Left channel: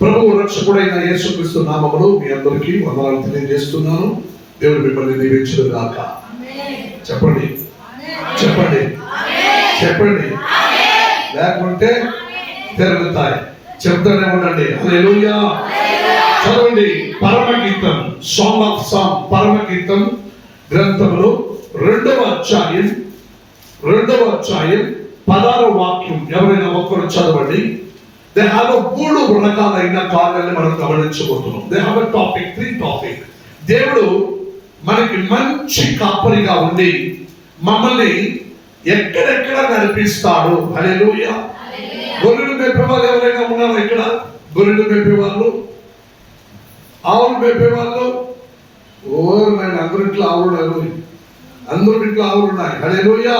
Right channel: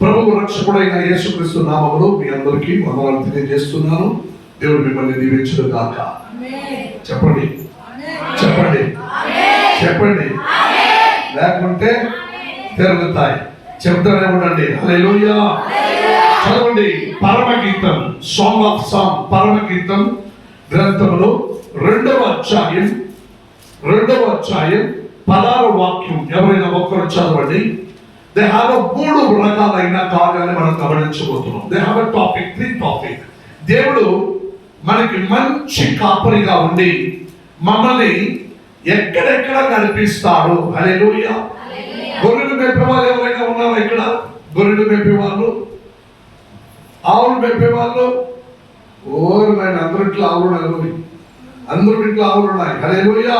ప్రభువు రక్షకుడైన యేసుక్రీస్తు నామములో మీ అందరికీ వందనాలు తెలియజేస్తున్నాను. దేవుడు మిమ్మల్ని దీవించును గాక. చెప్పండి చెప్పండి చెప్పండి, లేకుంటే తిరుగుతాయి. చెప్తానే ఉండండి. హల్లెలూయా. చదవండి. పరమగీతం, సాంగ్ ఆఫ్ సాంగ్, పరమగీతం గ్రంథంలో 2వ అధ్యాయం 16వ వాక్యం. ఎవరైనా ఒక్కరు చదవండి. దే హావ్ 3 రకాలైన కార్యాలను మనం గమనించబోతున్నాం. They have 3 topic. దేవుడు మనకి మంచి కాపరిగా ఉండి మమ్మల్ని ఎక్కడెక్కడ నడిపిస్తాడు. హల్లెలూయా. గొర్రెలు మేపేవాళ్ళు ఎవరైనా ఉన్నారా ఇక్కడ? గొర్రెలు మేపేవాళ్ళు, ఆవులు మేపేవాళ్ళు. అందరిట్లో ఆవులు ఉన్నాయి. హల్లెలూయా.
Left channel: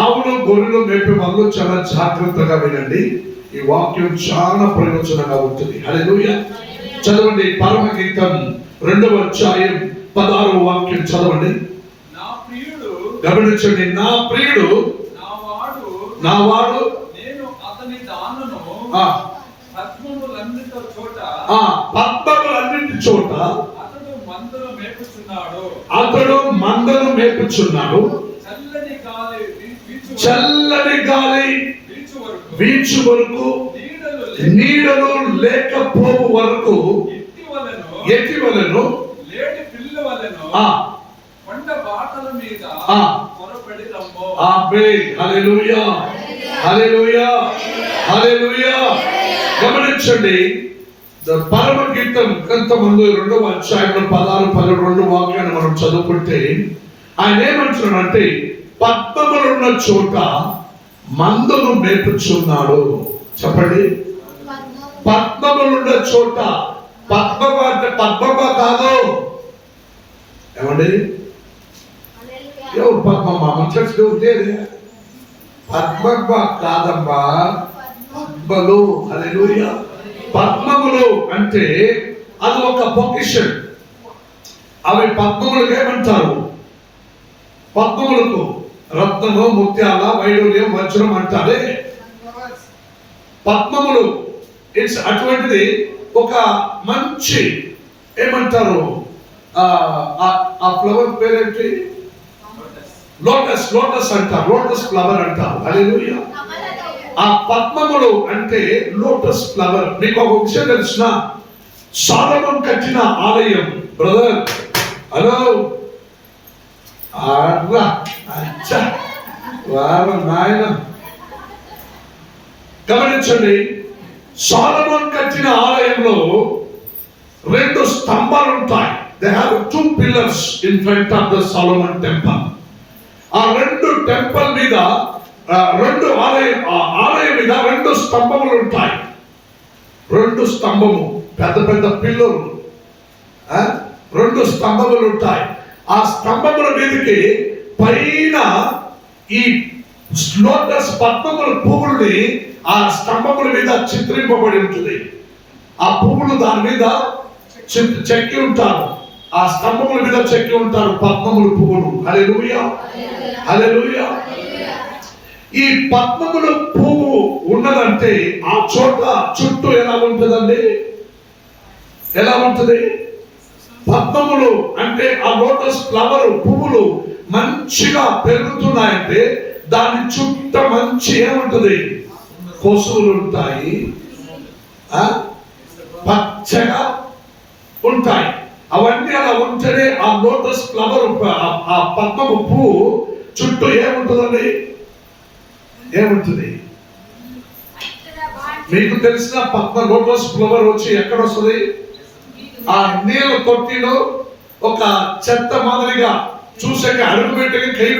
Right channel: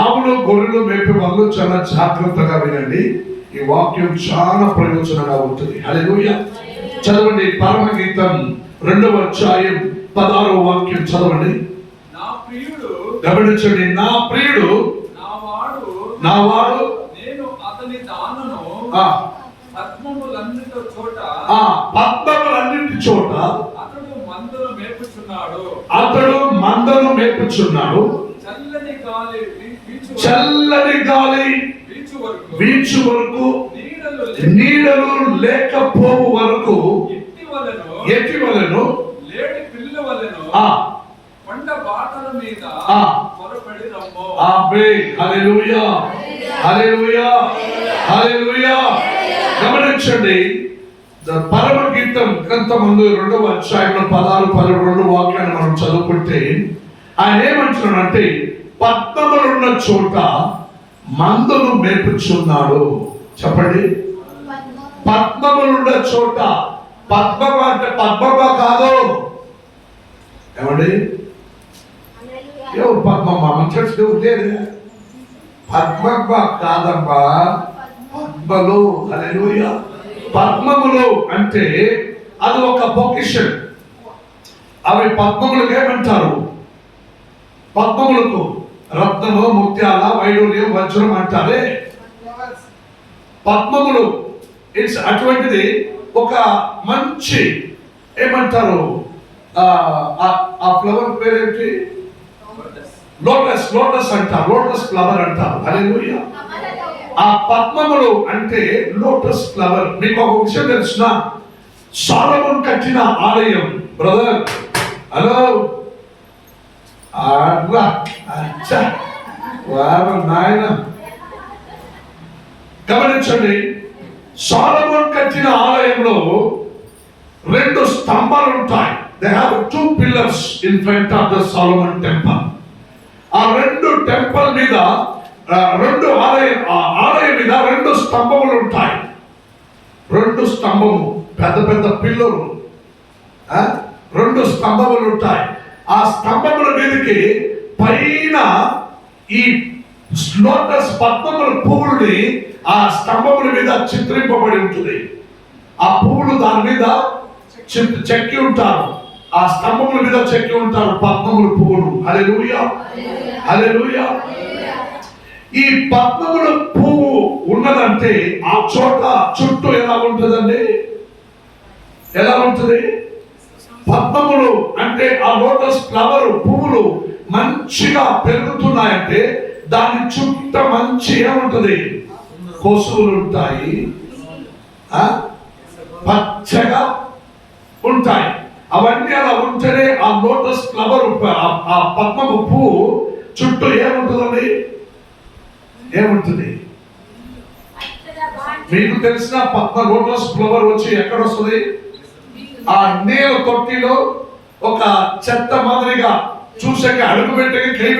ఆవులు గొర్రెలు మేపేవాళ్ళు చాలా జాగ్రత్తగా వినండి. ఈ వాక్యం చాలా ప్రయోజనంగా ఉంటుంది. హల్లెలూయా. చదవండి. పరమగీతం 2వ అధ్యాయం 16వ వాక్యం చదవండి. గమనించండి. నా ప్రియుడు నావాడు, నేను అతని దానును పద్మములన్నిటి చోట అతడు మందను మేపుచున్నాడు. చల్లని గాలి వీచు వరకు నీడలు లేకపోవు వరకు ఎత్తివలెను లేడి పిల్ల వలెను కొండ బాటల మీద పొరపడి రమ్మో. ఆమేన్. హల్లెలూయా. హల్లెలూయా. హల్లెలూయా. గమనించండి. పరమగీతం గ్రంథమందు 2వ అధ్యాయంలో 16-12 వాక్యాన్ని మనం చదువుకుంటే ఆయన ఏమంటున్నాడంటే, పద్మములున్న చోట మందను మేపుచున్నాడు. చెప్పండి. పద్మములున్న చోట. పద్మమ అంటే పద్మమ కాదు. ఏమండి? ఎవరు పద్మమ్మ? మంచి ఉండేది పద్మమ్మ కాదమ్మా, పద్మలు. హల్లెలూయా. పద్మములు అంటే అది ఒక పొజిషన్. అవి పద్మములకు ఏమంటారు? పద్మములకు రత్నము, ముత్యాల, వైడూర్యం, వజ్రం అంటారే పద్మములు. ఇట్స్ అటువంటిది ఒక మంచి ఏమంటారు ఆ ఫ్లవర్ పేరేంటి? లోటస్ అంటారు. లోటస్ ఫ్లవర్ అంటారు. హల్లెలూయా. ఆ పద్మములు అంటే లోటస్ ఫ్లవర్. మీకు ఒక విషయం తెలుసిన? సొలొమోను కట్టిన ఆలయం బ్రదర్. హలో నాయన గమనించండి. సొలొమోను కట్టిన ఆలయంలో 2 స్తంభాలు ఉంటాయి. They have 2 pillars in front of the Solomon temple. ఆ 2 టెంపుల్ మీద ఆలయం మీద 2 స్తంభములు ఉంటాయి. 2 స్తంభము, పెద్ద పిల్లలు, 2 స్తంభములు ఉంటాయి. ఆ స్తంభముల మీదకి పైన ఈ లోటస్ పద్మముల పువ్వుల్ని ఆ స్తంభముల మీద చిత్రింపబడి ఉంటుంది. ఆ పువ్వులు దాని మీద చెక్కి ఉంటారు. ఆ స్తంభముల మీద చెక్కి ఉంటారు పద్మముల పువ్వులు. హల్లెలూయా. హల్లెలూయా. ఈ పద్మముల పువ్వు ఉన్నదంటే ఆ చోట చుట్టూ ఎలా ఉంటుందండి? ఎలా ఉంటుంది? పద్మములు అంటే ఆ లోటస్ ఫ్లవర్ పువ్వులు మంచిగా పెరుగుతున్నాయంటే దాని చుట్టూ మంచి ఏముంటుంది? కొసువులు ఉంటాయి, పచ్చగా ఉంటాయి. అవన్నీ అలా ఉంటేనే ఆ లోటస్ ఫ్లవర్, ఆ పద్మపు పువ్వు చుట్టూ ఏముంటుందండి? ఏముంటుంది? మీకు తెలిసిన లోటస్ ఫ్లవర్ వచ్చి ఎక్కడ వస్తుంది? ఆ నీళ్ళ తొట్టిలో ఒక చెత్త మాదిరిగా చూసాక అడుగు పెట్టకి చేయి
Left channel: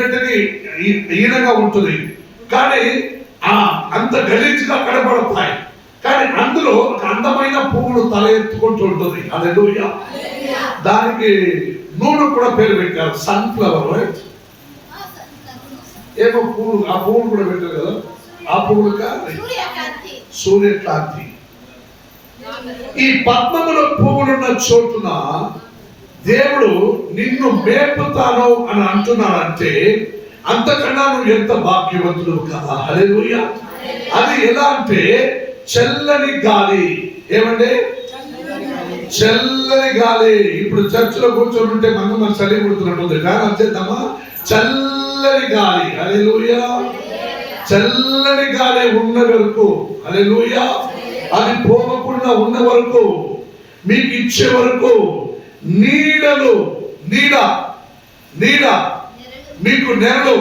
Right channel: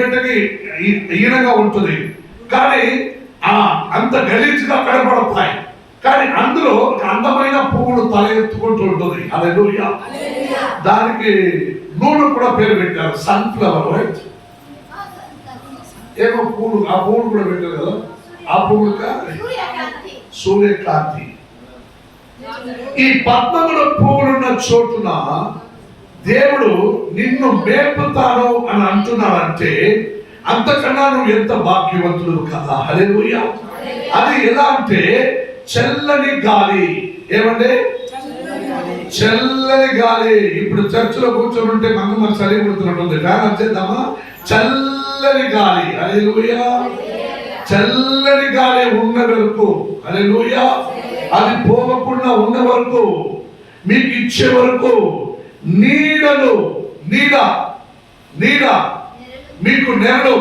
పెట్టకి ఈనగా ఉంటుంది. కానీ అంత గలీజ్గా కనబడతాయి. కానీ అందులో ఒక అందమైన పువ్వులు తల ఎత్తుకుంటూ ఉంటుంది. హల్లెలూయా. దానికి నూనె కూడా పేరు పెట్టారు, సన్ఫ్లవర్. రైట్? ఏమో పువ్వులు, ఆ పువ్వులు కూడా పెట్టారు కదా. ఆ పువ్వులు సూర్యకాంతి. ఈ పద్మముల పువ్వులున్న చోటున దేవుడు నిన్ను మేపుతాను అని అంటున్నాడంటే అంతకన్నా నువ్వు ఎంత భాగ్యవంతుడు కదా. హల్లెలూయా. అది ఎలా అంటే చల్లని గాలి. ఏమంటే చల్లని గాలి. ఇప్పుడు చర్చిలో కూర్చొని ఉంటే మన చలి పుడుతున్నట్టుంది. ఫ్యాన్ వచ్చేద్దామా? చల్లని గాలి. హల్లెలూయా. చల్లని గాలి ఉన్న వరకు, హల్లెలూయా, అది పోగకుండా ఉన్న వరకు, మీకు ఇచ్చే వరకు, నీడలు, నీడ నీడ మీకు నెరలు,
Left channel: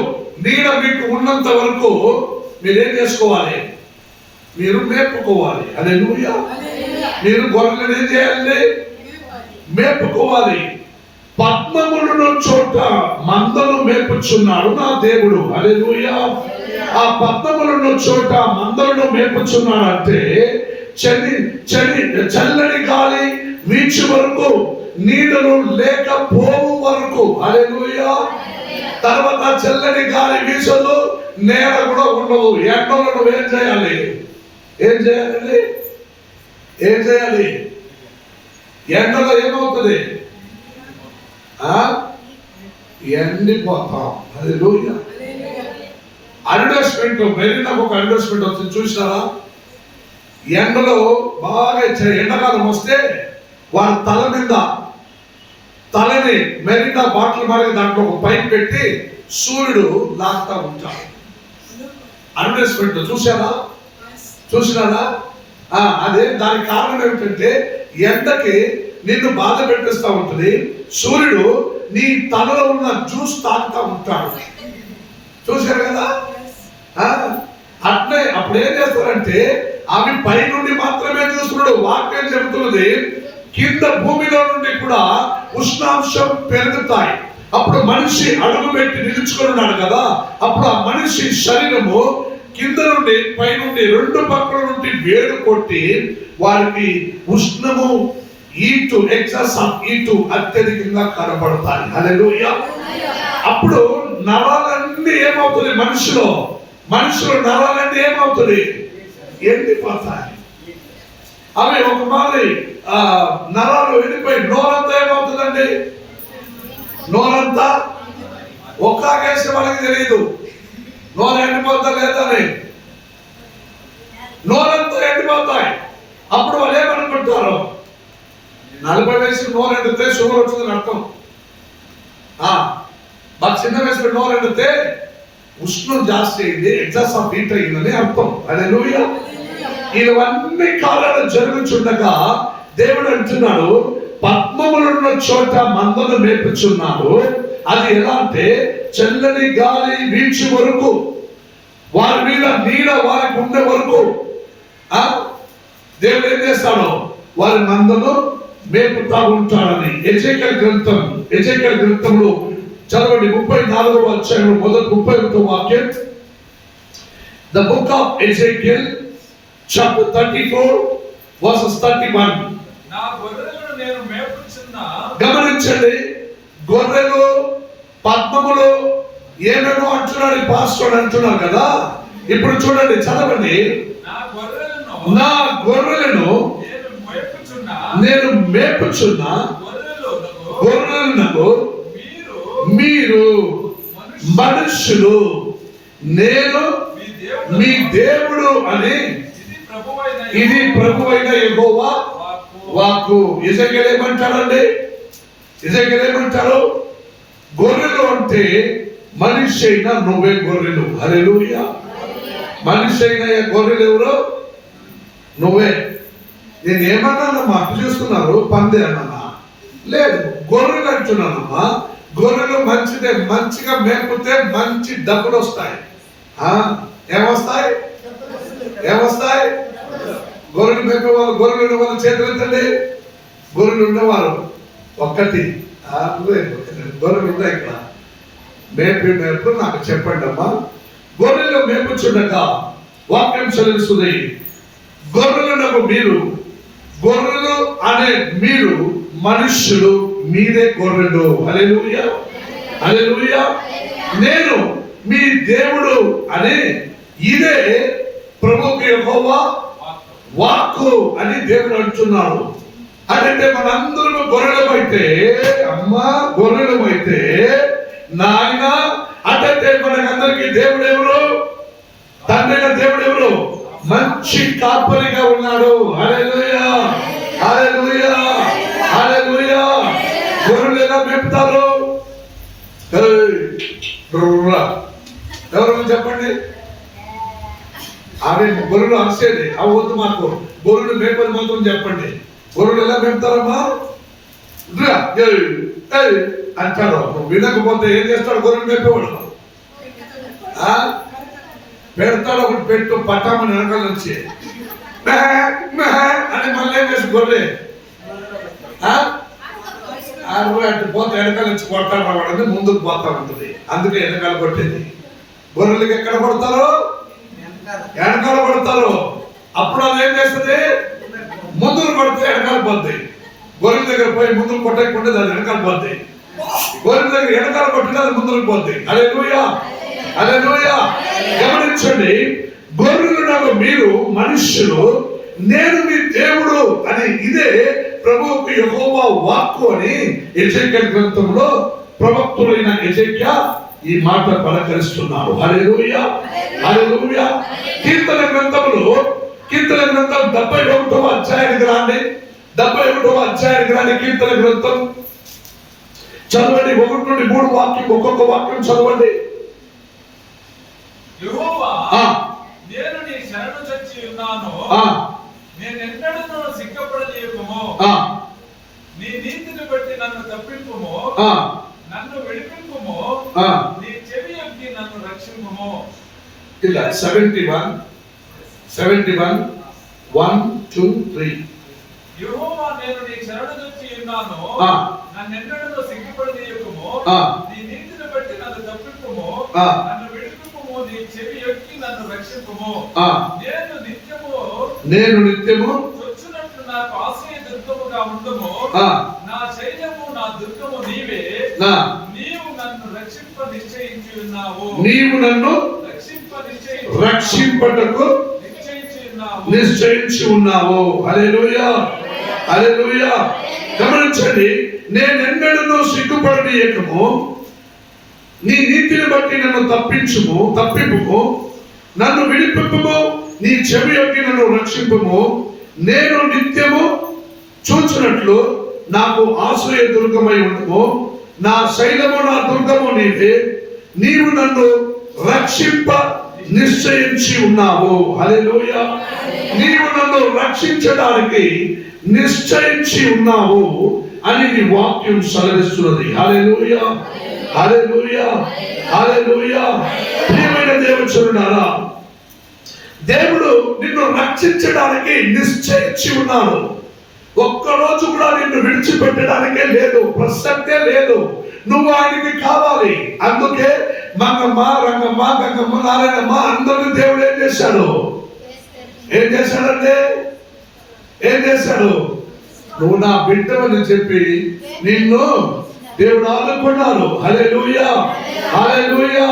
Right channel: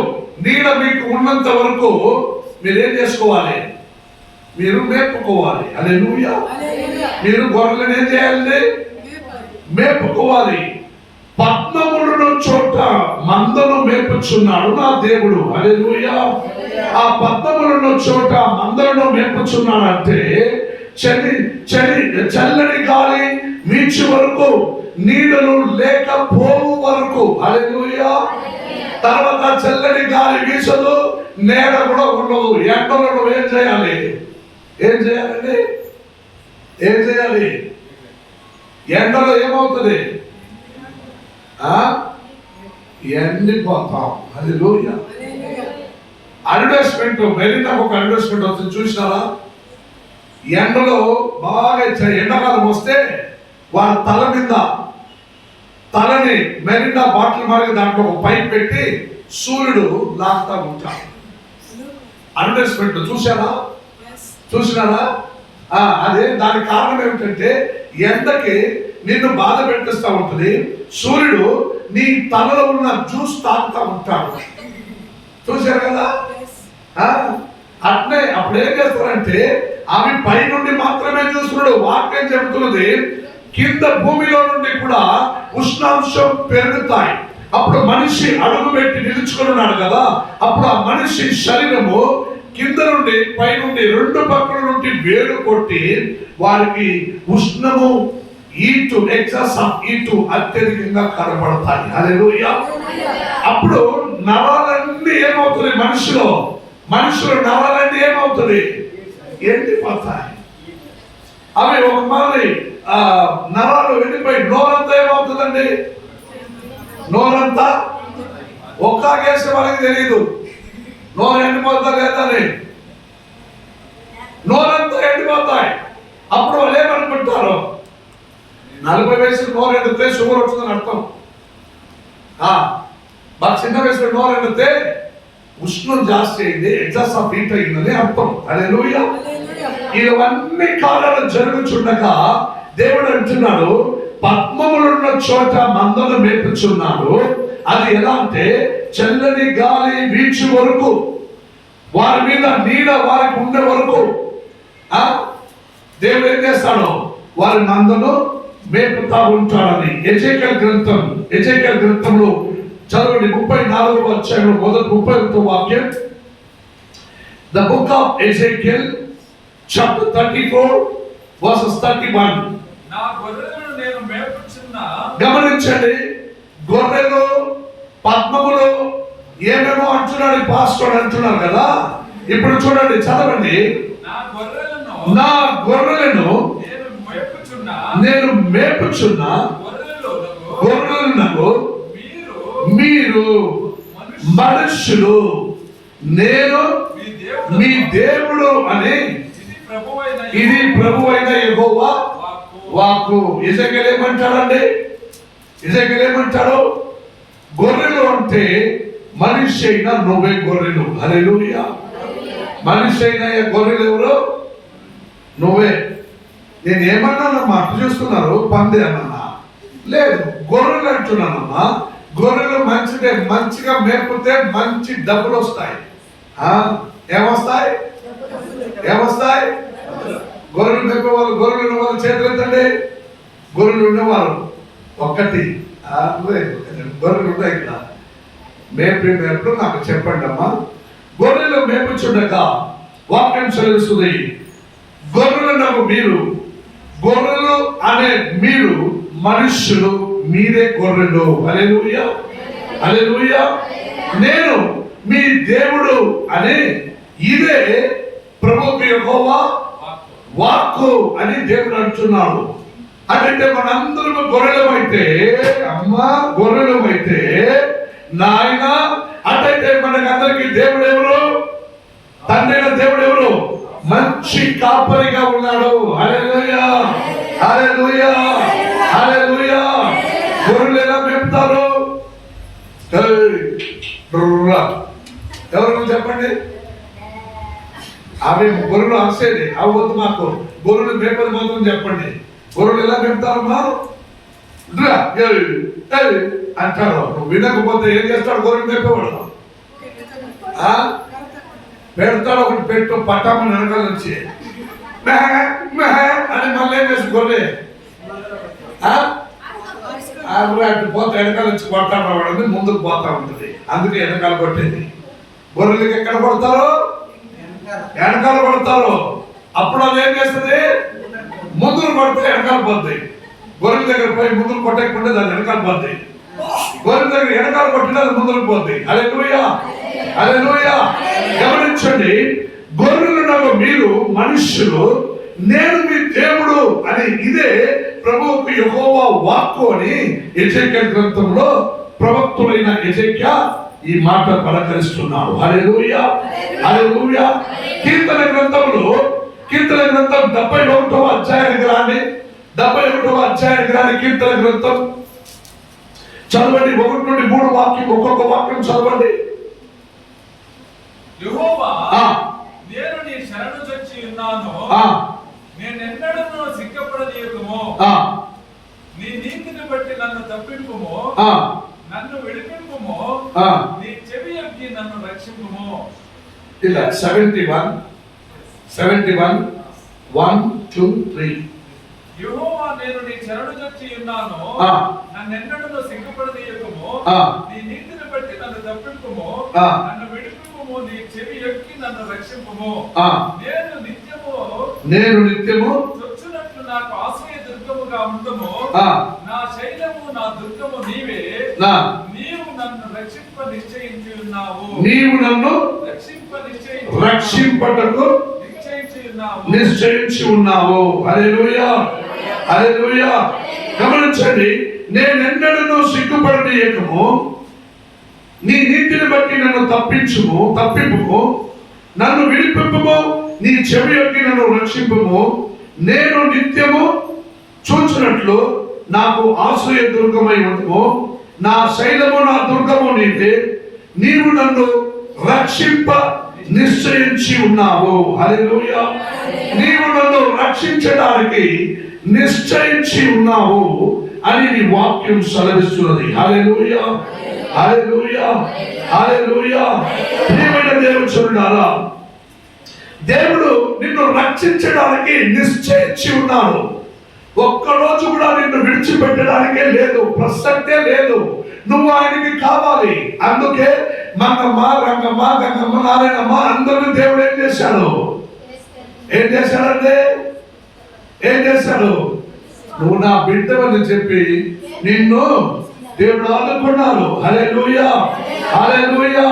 నీడ మీకు ఉన్నంత వరకు మీరేం చేసుకోవాలి? మీరు మేపుకోవాలి. హల్లెలూయా. మీరు గొర్రెలను ఏం చేయాలి? మేపుకోవాలి. పద్మములను చోట మందను మేపుచున్నాడు నా దేవుడు. హల్లెలూయా. ఆ పద్మములను చోట మందలను మేపుచున్నాడు అంటే చల్లని గాలి వీచు వరకు, నీడలు లేకపోవు వరకు. హల్లెలూయా. తర్వాత చల్లని గాలి వీచదు, నేల కూడా ఉండదు. ఎండలో నువ్వు ఏం చేయాలి? ఏం చేయాలండి? ఏం చేయాలి? ఎండలో ఏమవుతుంది? ఎండిపోతాం. హల్లెలూయా. అడ్వర్టైజ్మెంట్, మెరీనాకు ఒక అడ్వర్టైజ్మెంట్ వస్తుంది, చూసినారా? ఎండలో బాగా ఎండాకాలం వస్తే వాళ్ళ తల మీద తలని మెరీనా బాటిల్ మరగ దాంట్లో ఒక పైప్ పెట్టి సూర్యుడు లాగుతా ఉంటాడు. అడ్వర్టైజ్మెంట్ చూసినారా? అదే దానికి కారణం ఏమిటంటే ఎండకి నిన్ను బాధ పెట్టిస్తూ ఉంటుంది. సూర్యుడు నీ తలలో ఉన్న జ్యూస్ తాగుతా ఉంటాడు. చూశారు కదా? అట్లే అప్పుడు ఏం చేస్తారంటే అవి పై నుండి మాత్రమే చూస్తున్నాడు. వాక్యం చెబుతున్నది కింద భూమిలో నుండి కూడా ఉష్ణాంశం పెరుగుతాయి. అప్పుడు మనిషి అడుగు పెట్టి నిలుచుకొని ఉన్నాడు కదా, అప్పుడు ఆ మనిషి శరీరము కింద నుండి పై నుండి రెండు పక్కల నుండి వేడు కొట్టి వారికి ఉష్ణము, హీటు, ఎక్సెస్ ఆఫ్ హీటు అత్యధికంగా కనబడతాయి. హల్లెలూయా. అప్పుడు నరాలన్నీ ఏమవుతుంది? మనుషులు నరాలన్నీ ఏమవుతుంది? ఎండిపోతాయి. అవి ఒక మాదిరి నరాలు ఎండిపోయి నోరంతా ఏమవుతుందండి? నోరంతా ఒక్కాగేసే వాళ్ళకి తెలియదు నోరు ఎండిపోతా లేదని. నోరంతా ఎండిపోతాయి. అప్పుడు వాళ్ళు ఏమనుకుంటారు? 40 వయసులో నోరు ఎండితే షుగర్ వచ్చిందని అర్థం. బాగా చిన్న వయసులో నోరు ఎండితే ఉష్ణం జాస్తి అయింది, ఎగ్జాస్ట్ ఆఫ్ హీట్ అయిందని అర్థం. హల్లెలూయా. ఇవన్నీ కాలాలు జరుగుచుండగా దేవుడు అంటున్నాడు, పద్మములున్న చోట మందను మేపుచున్నాడు. అది ఎలా అంటే చల్లని గాలి వీచు వరకు, వారి మీద నీడ వారికి ఉండే వరకు దేవుడు ఏం చేస్తాడు? వారి మందను మేపుతా ఉంటాడని. ఎజేకియల్ గ్రంథంలో చదవండి 34వ అధ్యాయంలో మొదటి 31వ వాక్యం. The book of Ezekiel chapter 34 verses 31. నా గొర్రెలను నేను మేపుచున్న. గమనించండి, గొర్రెలు పద్మములు ఏమేమో అంటున్నాడు పాస్టర్ అంటున్నారు కదా. ఇప్పుడు చూడండి, చదవండి. నా గొర్రెలను నేను మేపుచున్న గొర్రెలకు మీరు మనుషులు, నేను మీ దేవుడు అని ఇది ప్రభువైన యెహోవా వాక్కు. ఎజెకియల్ ఏమంటాడండి? ఎజెకియల్ ఏమంటారు? గొర్రెలు అంటే మనిషి అయినా నువ్వే గొర్రెలు. హల్లెలూయా. మనిషి అయిన గొర్రెలు ఎవరు? నువ్వే. నేను ఏమన్నానమ్మా? అటు చూస్తున్నారు, పంది అన్నా? లేదు, గొర్రెలు అంటున్నానమ్మా. గొర్రెలు మంచిదే, మంచిగా మేపితే మంచి డబ్బులు వస్తాయి. ఏమొస్తాయి? గొర్రెలు మేపేవాళ్ళు, గొర్రెలు ఉన్నవాళ్ళు చేతులు ఎత్తండి. గొర్రెలు ఉండేవారు ఒకటి, గొర్రెలు ఉన్నాయి ఇక్కడ. మేపు నాకు చెప్పండి అమ్మా. గొర్రెలు మేపుచుండగా వాక్యం చదివిస్తుంది, గొర్రెలు మీరు, గొర్రెలు అనే మీరు మనుష్యులు, మీరే గొర్రెలు. హల్లెలూయా. హల్లెలూయా. నేను మీ దేవుడు అనే ఇదే ప్రభువు యెహోవా వాక్కు అని దేవుడు అంటున్నాడు. అంటే మనందరూ గొర్రెలమైతే, అమ్మా గొర్రెలమైతే నాయన, అటైతే మనకందరికి దేవుడు ఎవరు? తండ్రి అయిన దేవుడు ఎవరు? కాపరిగా ఉన్నాడు. హల్లెలూయా, హల్లెలూయా, హల్లెలూయా. గొర్రెలు ఎలా మేపుతారు? ఎవరు చెప్పండి? అవి గొర్రెలు అరిసేది అవ్వద్దు, మాకు గొర్రెలు మేపది మాత్రం చెప్పండి. గొర్రెలు ఎలా పెడతారమ్మా? అంటాడు. నువ్వు వినకపోతే ఏం చేస్తాడు? గొర్రెలు మేపేవాడు పెడతాడు. ఒకటి పెట్టు పట్టామని వెనకాల నుంచి అని మళ్ళీ ఏం చేసి గొర్రె అటు పోతే వెనకాల నుంచి కొడతాడు వాడని ముందుకు పోతా ఉంటుంది. అందుకే వెనకాల కొట్టేది. గొర్రెలకి ఎక్కడ పడతారు? వెనకాల పడతారు. అప్పుడు అది ఏం చేస్తుంది? ముందుకు పడితే వెనకాల పోద్ది. గొర్రెల దగ్గర పోయి ముందుకు కొట్టకుండా అది వెనకాల పోద్ది. గొర్రెల దగ్గర వెనకాల కొట్టినా అది ముందుకు పోద్ది. హల్లెలూయా, హల్లెలూయా. గమనించండి, గొర్రెలను మీరు మనుష్యులు, నేను మీ దేవుడు అని ఇదే ప్రభువుకు యెహోవా వాక్కు అని ఎజెకియల్ గ్రంథంలో ప్రవక్తుడైన ఎజెకియా ఈ మాట పలకరిస్తున్నాడు. హల్లెలూయా, హల్లెలూయా. కీర్తన గ్రంథంలో, కీర్తన గ్రంథం 71వ అధ్యాయానికి రాండి. 71వ అధ్యాయానికి రాని కీర్తన గ్రంథం చదవండి. 1 నుండి 3 వాక్యం, ఒక్కొక్క వాక్యం చదవండి. యెహోవా, నేను నీ శరణు చొచ్చి ఉన్నాను, నేనెన్నడూ సిగ్గపడనీయకుము. నీ నీతిని బట్టి నన్ను తప్పింపుము, నన్ను విడిపింపుము, నీ చెవి యొక్కి నన్ను రక్షింపుము. ఇలా 71 1 2 3. యెహోవా, నేను నీ శరణు చొచ్చి ఉన్నాను, నన్నెన్నడూ సిగ్గపడనీయకుము, నీ నీతిని బట్టి నన్ను తప్పింపుము, నన్ను విడిపింపుము, నీ చెవి యొక్కి నన్ను రక్షింపుము. నేను నిత్యము చొచ్చునట్లు నాకు ఆశ్రయ దుర్గముగా ఉండుము. నా శైలము, నా దుర్గము నీవే. నీవు నన్ను రక్షింప నిశ్చయించి ఉన్నావు. నీవు నన్ను రక్షింపటకు నిశ్చయించి ఉన్నావు. హల్లెలూయా, హల్లెలూయా. గమనించండి, నేనెన్నడూ సిగ్గుపడనీయకము, నీ నీతిని బట్టి నన్ను తప్పింపుము, నన్ను విడిపింపుము, నీ చెవి యొక్కి నన్ను రక్షింపుము. నేను నిత్యము చూచినట్లు నాకు ఆశ్రయ దుర్గమై ఉండుము. నా శైలము, నా దుర్గము నీవే. నీవు నన్ను రక్షింప నిశ్చయించి ఉన్నావు. హల్లెలూయా. నీవు నన్ను రక్షించడానికి నిశ్చయించి ఉన్నావు అని నీ వాక్యం సెలవిస్తున్నది. హల్లెలూయా, హల్లెలూయా, హల్లెలూయా. ప్రియమైన దేవుని చూడారా, దేవుడు నిన్ను రక్షించడానికి నిశ్చయించి ఉన్నాడు. ఒక్కరోజు కూడా నిన్ను విడిచిపెట్టడానికే లేదు, ప్రసక్తే లేదు. నువ్వు ఆయనకి కావాలి. అందుకే మంగమ్మ, రంగమ్మ, గంగమ్మ, నారాయణమ్మ అందరినీ దేవుడు ఏం చేశాడు? ఏం చేశాడంటే ఏం చేశాడు? నువ్వు నా బిడ్డవని చెప్పి నిన్ను దేవుడు ఆదుకున్నాడు. హల్లెలూయా, హల్లెలూయా.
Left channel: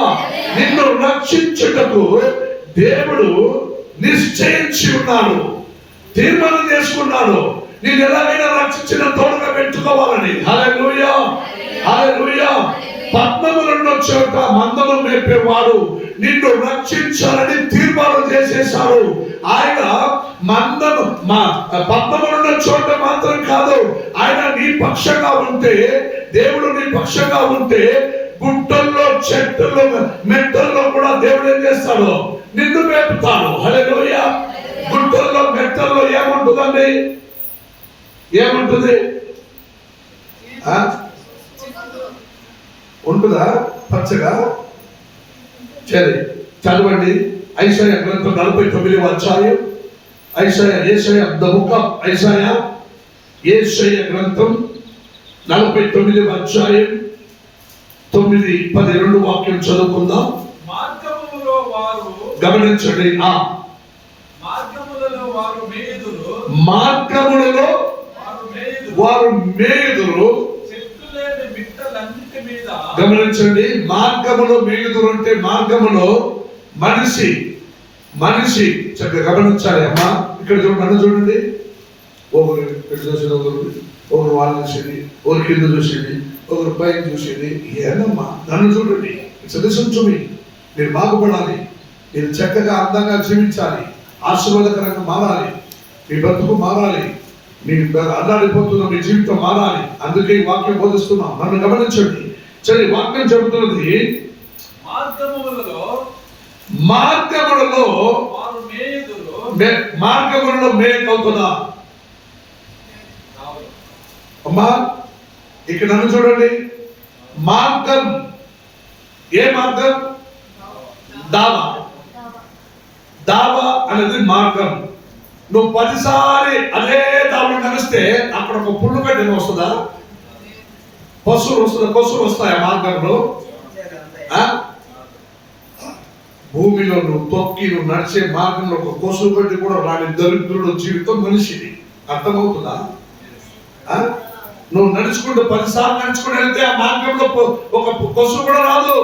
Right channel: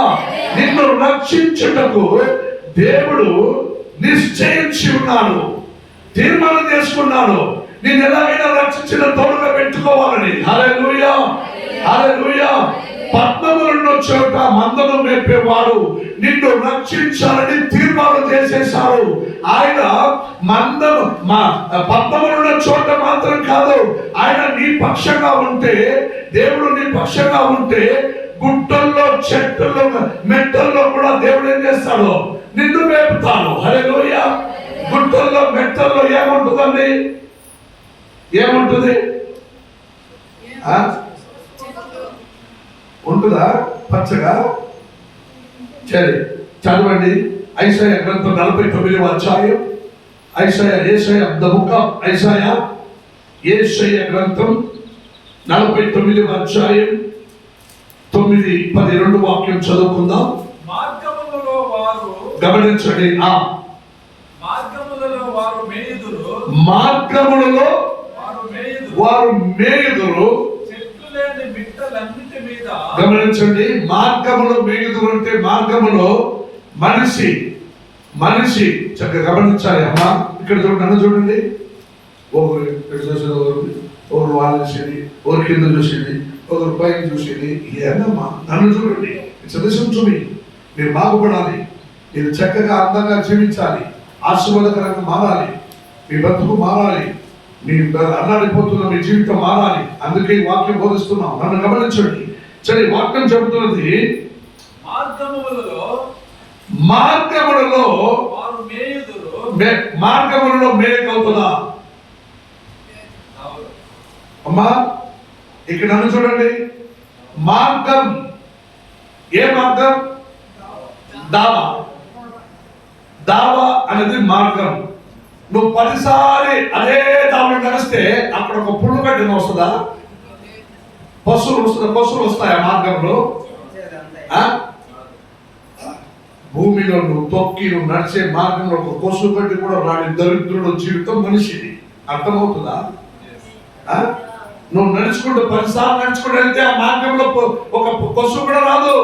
నిన్ను రక్షించుటకు దేవుడు నిశ్చయించి ఉన్నాడు, తీర్మానం చేసుకున్నాడు. నిన్ను ఎలాగైనా రక్షించిన తోడుగా పెట్టుకోవాలని. హల్లెలూయా, హల్లెలూయా. పద్మములను చోట మందను మేపేవాడు నిన్ను రక్షించాలని తీర్మానం చేసేశాడు. ఆయన పద్మములను చోట మాత్రం కాదు, ఆయన నీ పక్షంగా ఉంటే, దేవుడు నీ పక్షంగా ఉంటే, గుట్టల్లో, చెట్టుల్లో, మెట్టల్లో కూడా దేవుడు ఏం చేస్తాడు? నిన్ను మేపుతాడు. హల్లెలూయా. గుట్టల్లో, మెట్టల్లో ఏముంటుందండి? ఏముంటుంది? ఉంటుందా పచ్చగా? సరే చదవండి. ఐసాయా గ్రంథం 49వ అధ్యాయం. యేషయా గ్రంథం 49వ అధ్యాయం 9, 10 2 వాక్యం చదువుకుందాం. మార్గములలో వారు, గమనించండి, మార్గములలో వారు మేయుదురు, మార్గములలో వారు మేయుదురు, గమనించండి. మార్గములో మేయుదురు అంటే మార్గములో మనిషి చక్కగా గమనించాలి. అమ్మా ఇక్కడ చూడండి, నన్ను చూడండి. ఒకరు ఇక్కడ చూసేది, ఒకరు వాళ్ళు చూసేది, ఒకరు కింద చూసేది, ఒకరు పైకి చూసేది. ఏమమ్మా నన్ను చూడండి. చదివించుమి, మీరు బాగుపడాలి, మీరు చక్కగా అందంగా జీవించాలి, ఆశీర్వాదకరంగా మారాలి, మీ బ్రతుకు మారాలి, మీ అల్లాడిపోతున్న మీ జీవితం మారాలి. అందుకే ఈ వాక్యం బోధిస్తున్నాం. నన్ను గమనించండి. సరే, వాక్యం చెబుతున్నది మార్గములలో మార్గములలో మేకవుతుందా? అమ్మా ఇక్కడ నన్ను చూడండి. మార్గం, ఏ మార్గం? దావా. దావా అనేది మార్గం. నువ్వు 10 సారి అదే దావని నడిస్తే అక్కడ ఒక పుల్లు గడ్డి వస్తుందా? పశువులు వస్తుందా? పశువులు వస్తాయా మార్గంలో? భూమిలో నువ్వు తొక్కి నువ్వు నడిచే మార్గంలో ఒక కొసువు గడ్డి కూడా రాని దరిద్రుడు జీవితం మనిషిది. అర్థమవుతుందా? నువ్వు నడుచుకుంటూ 10 సార్లు నడుచుకుంటూ వెళ్తే ఆ మార్గంలో ఒక కొసువు కూడా రాదు.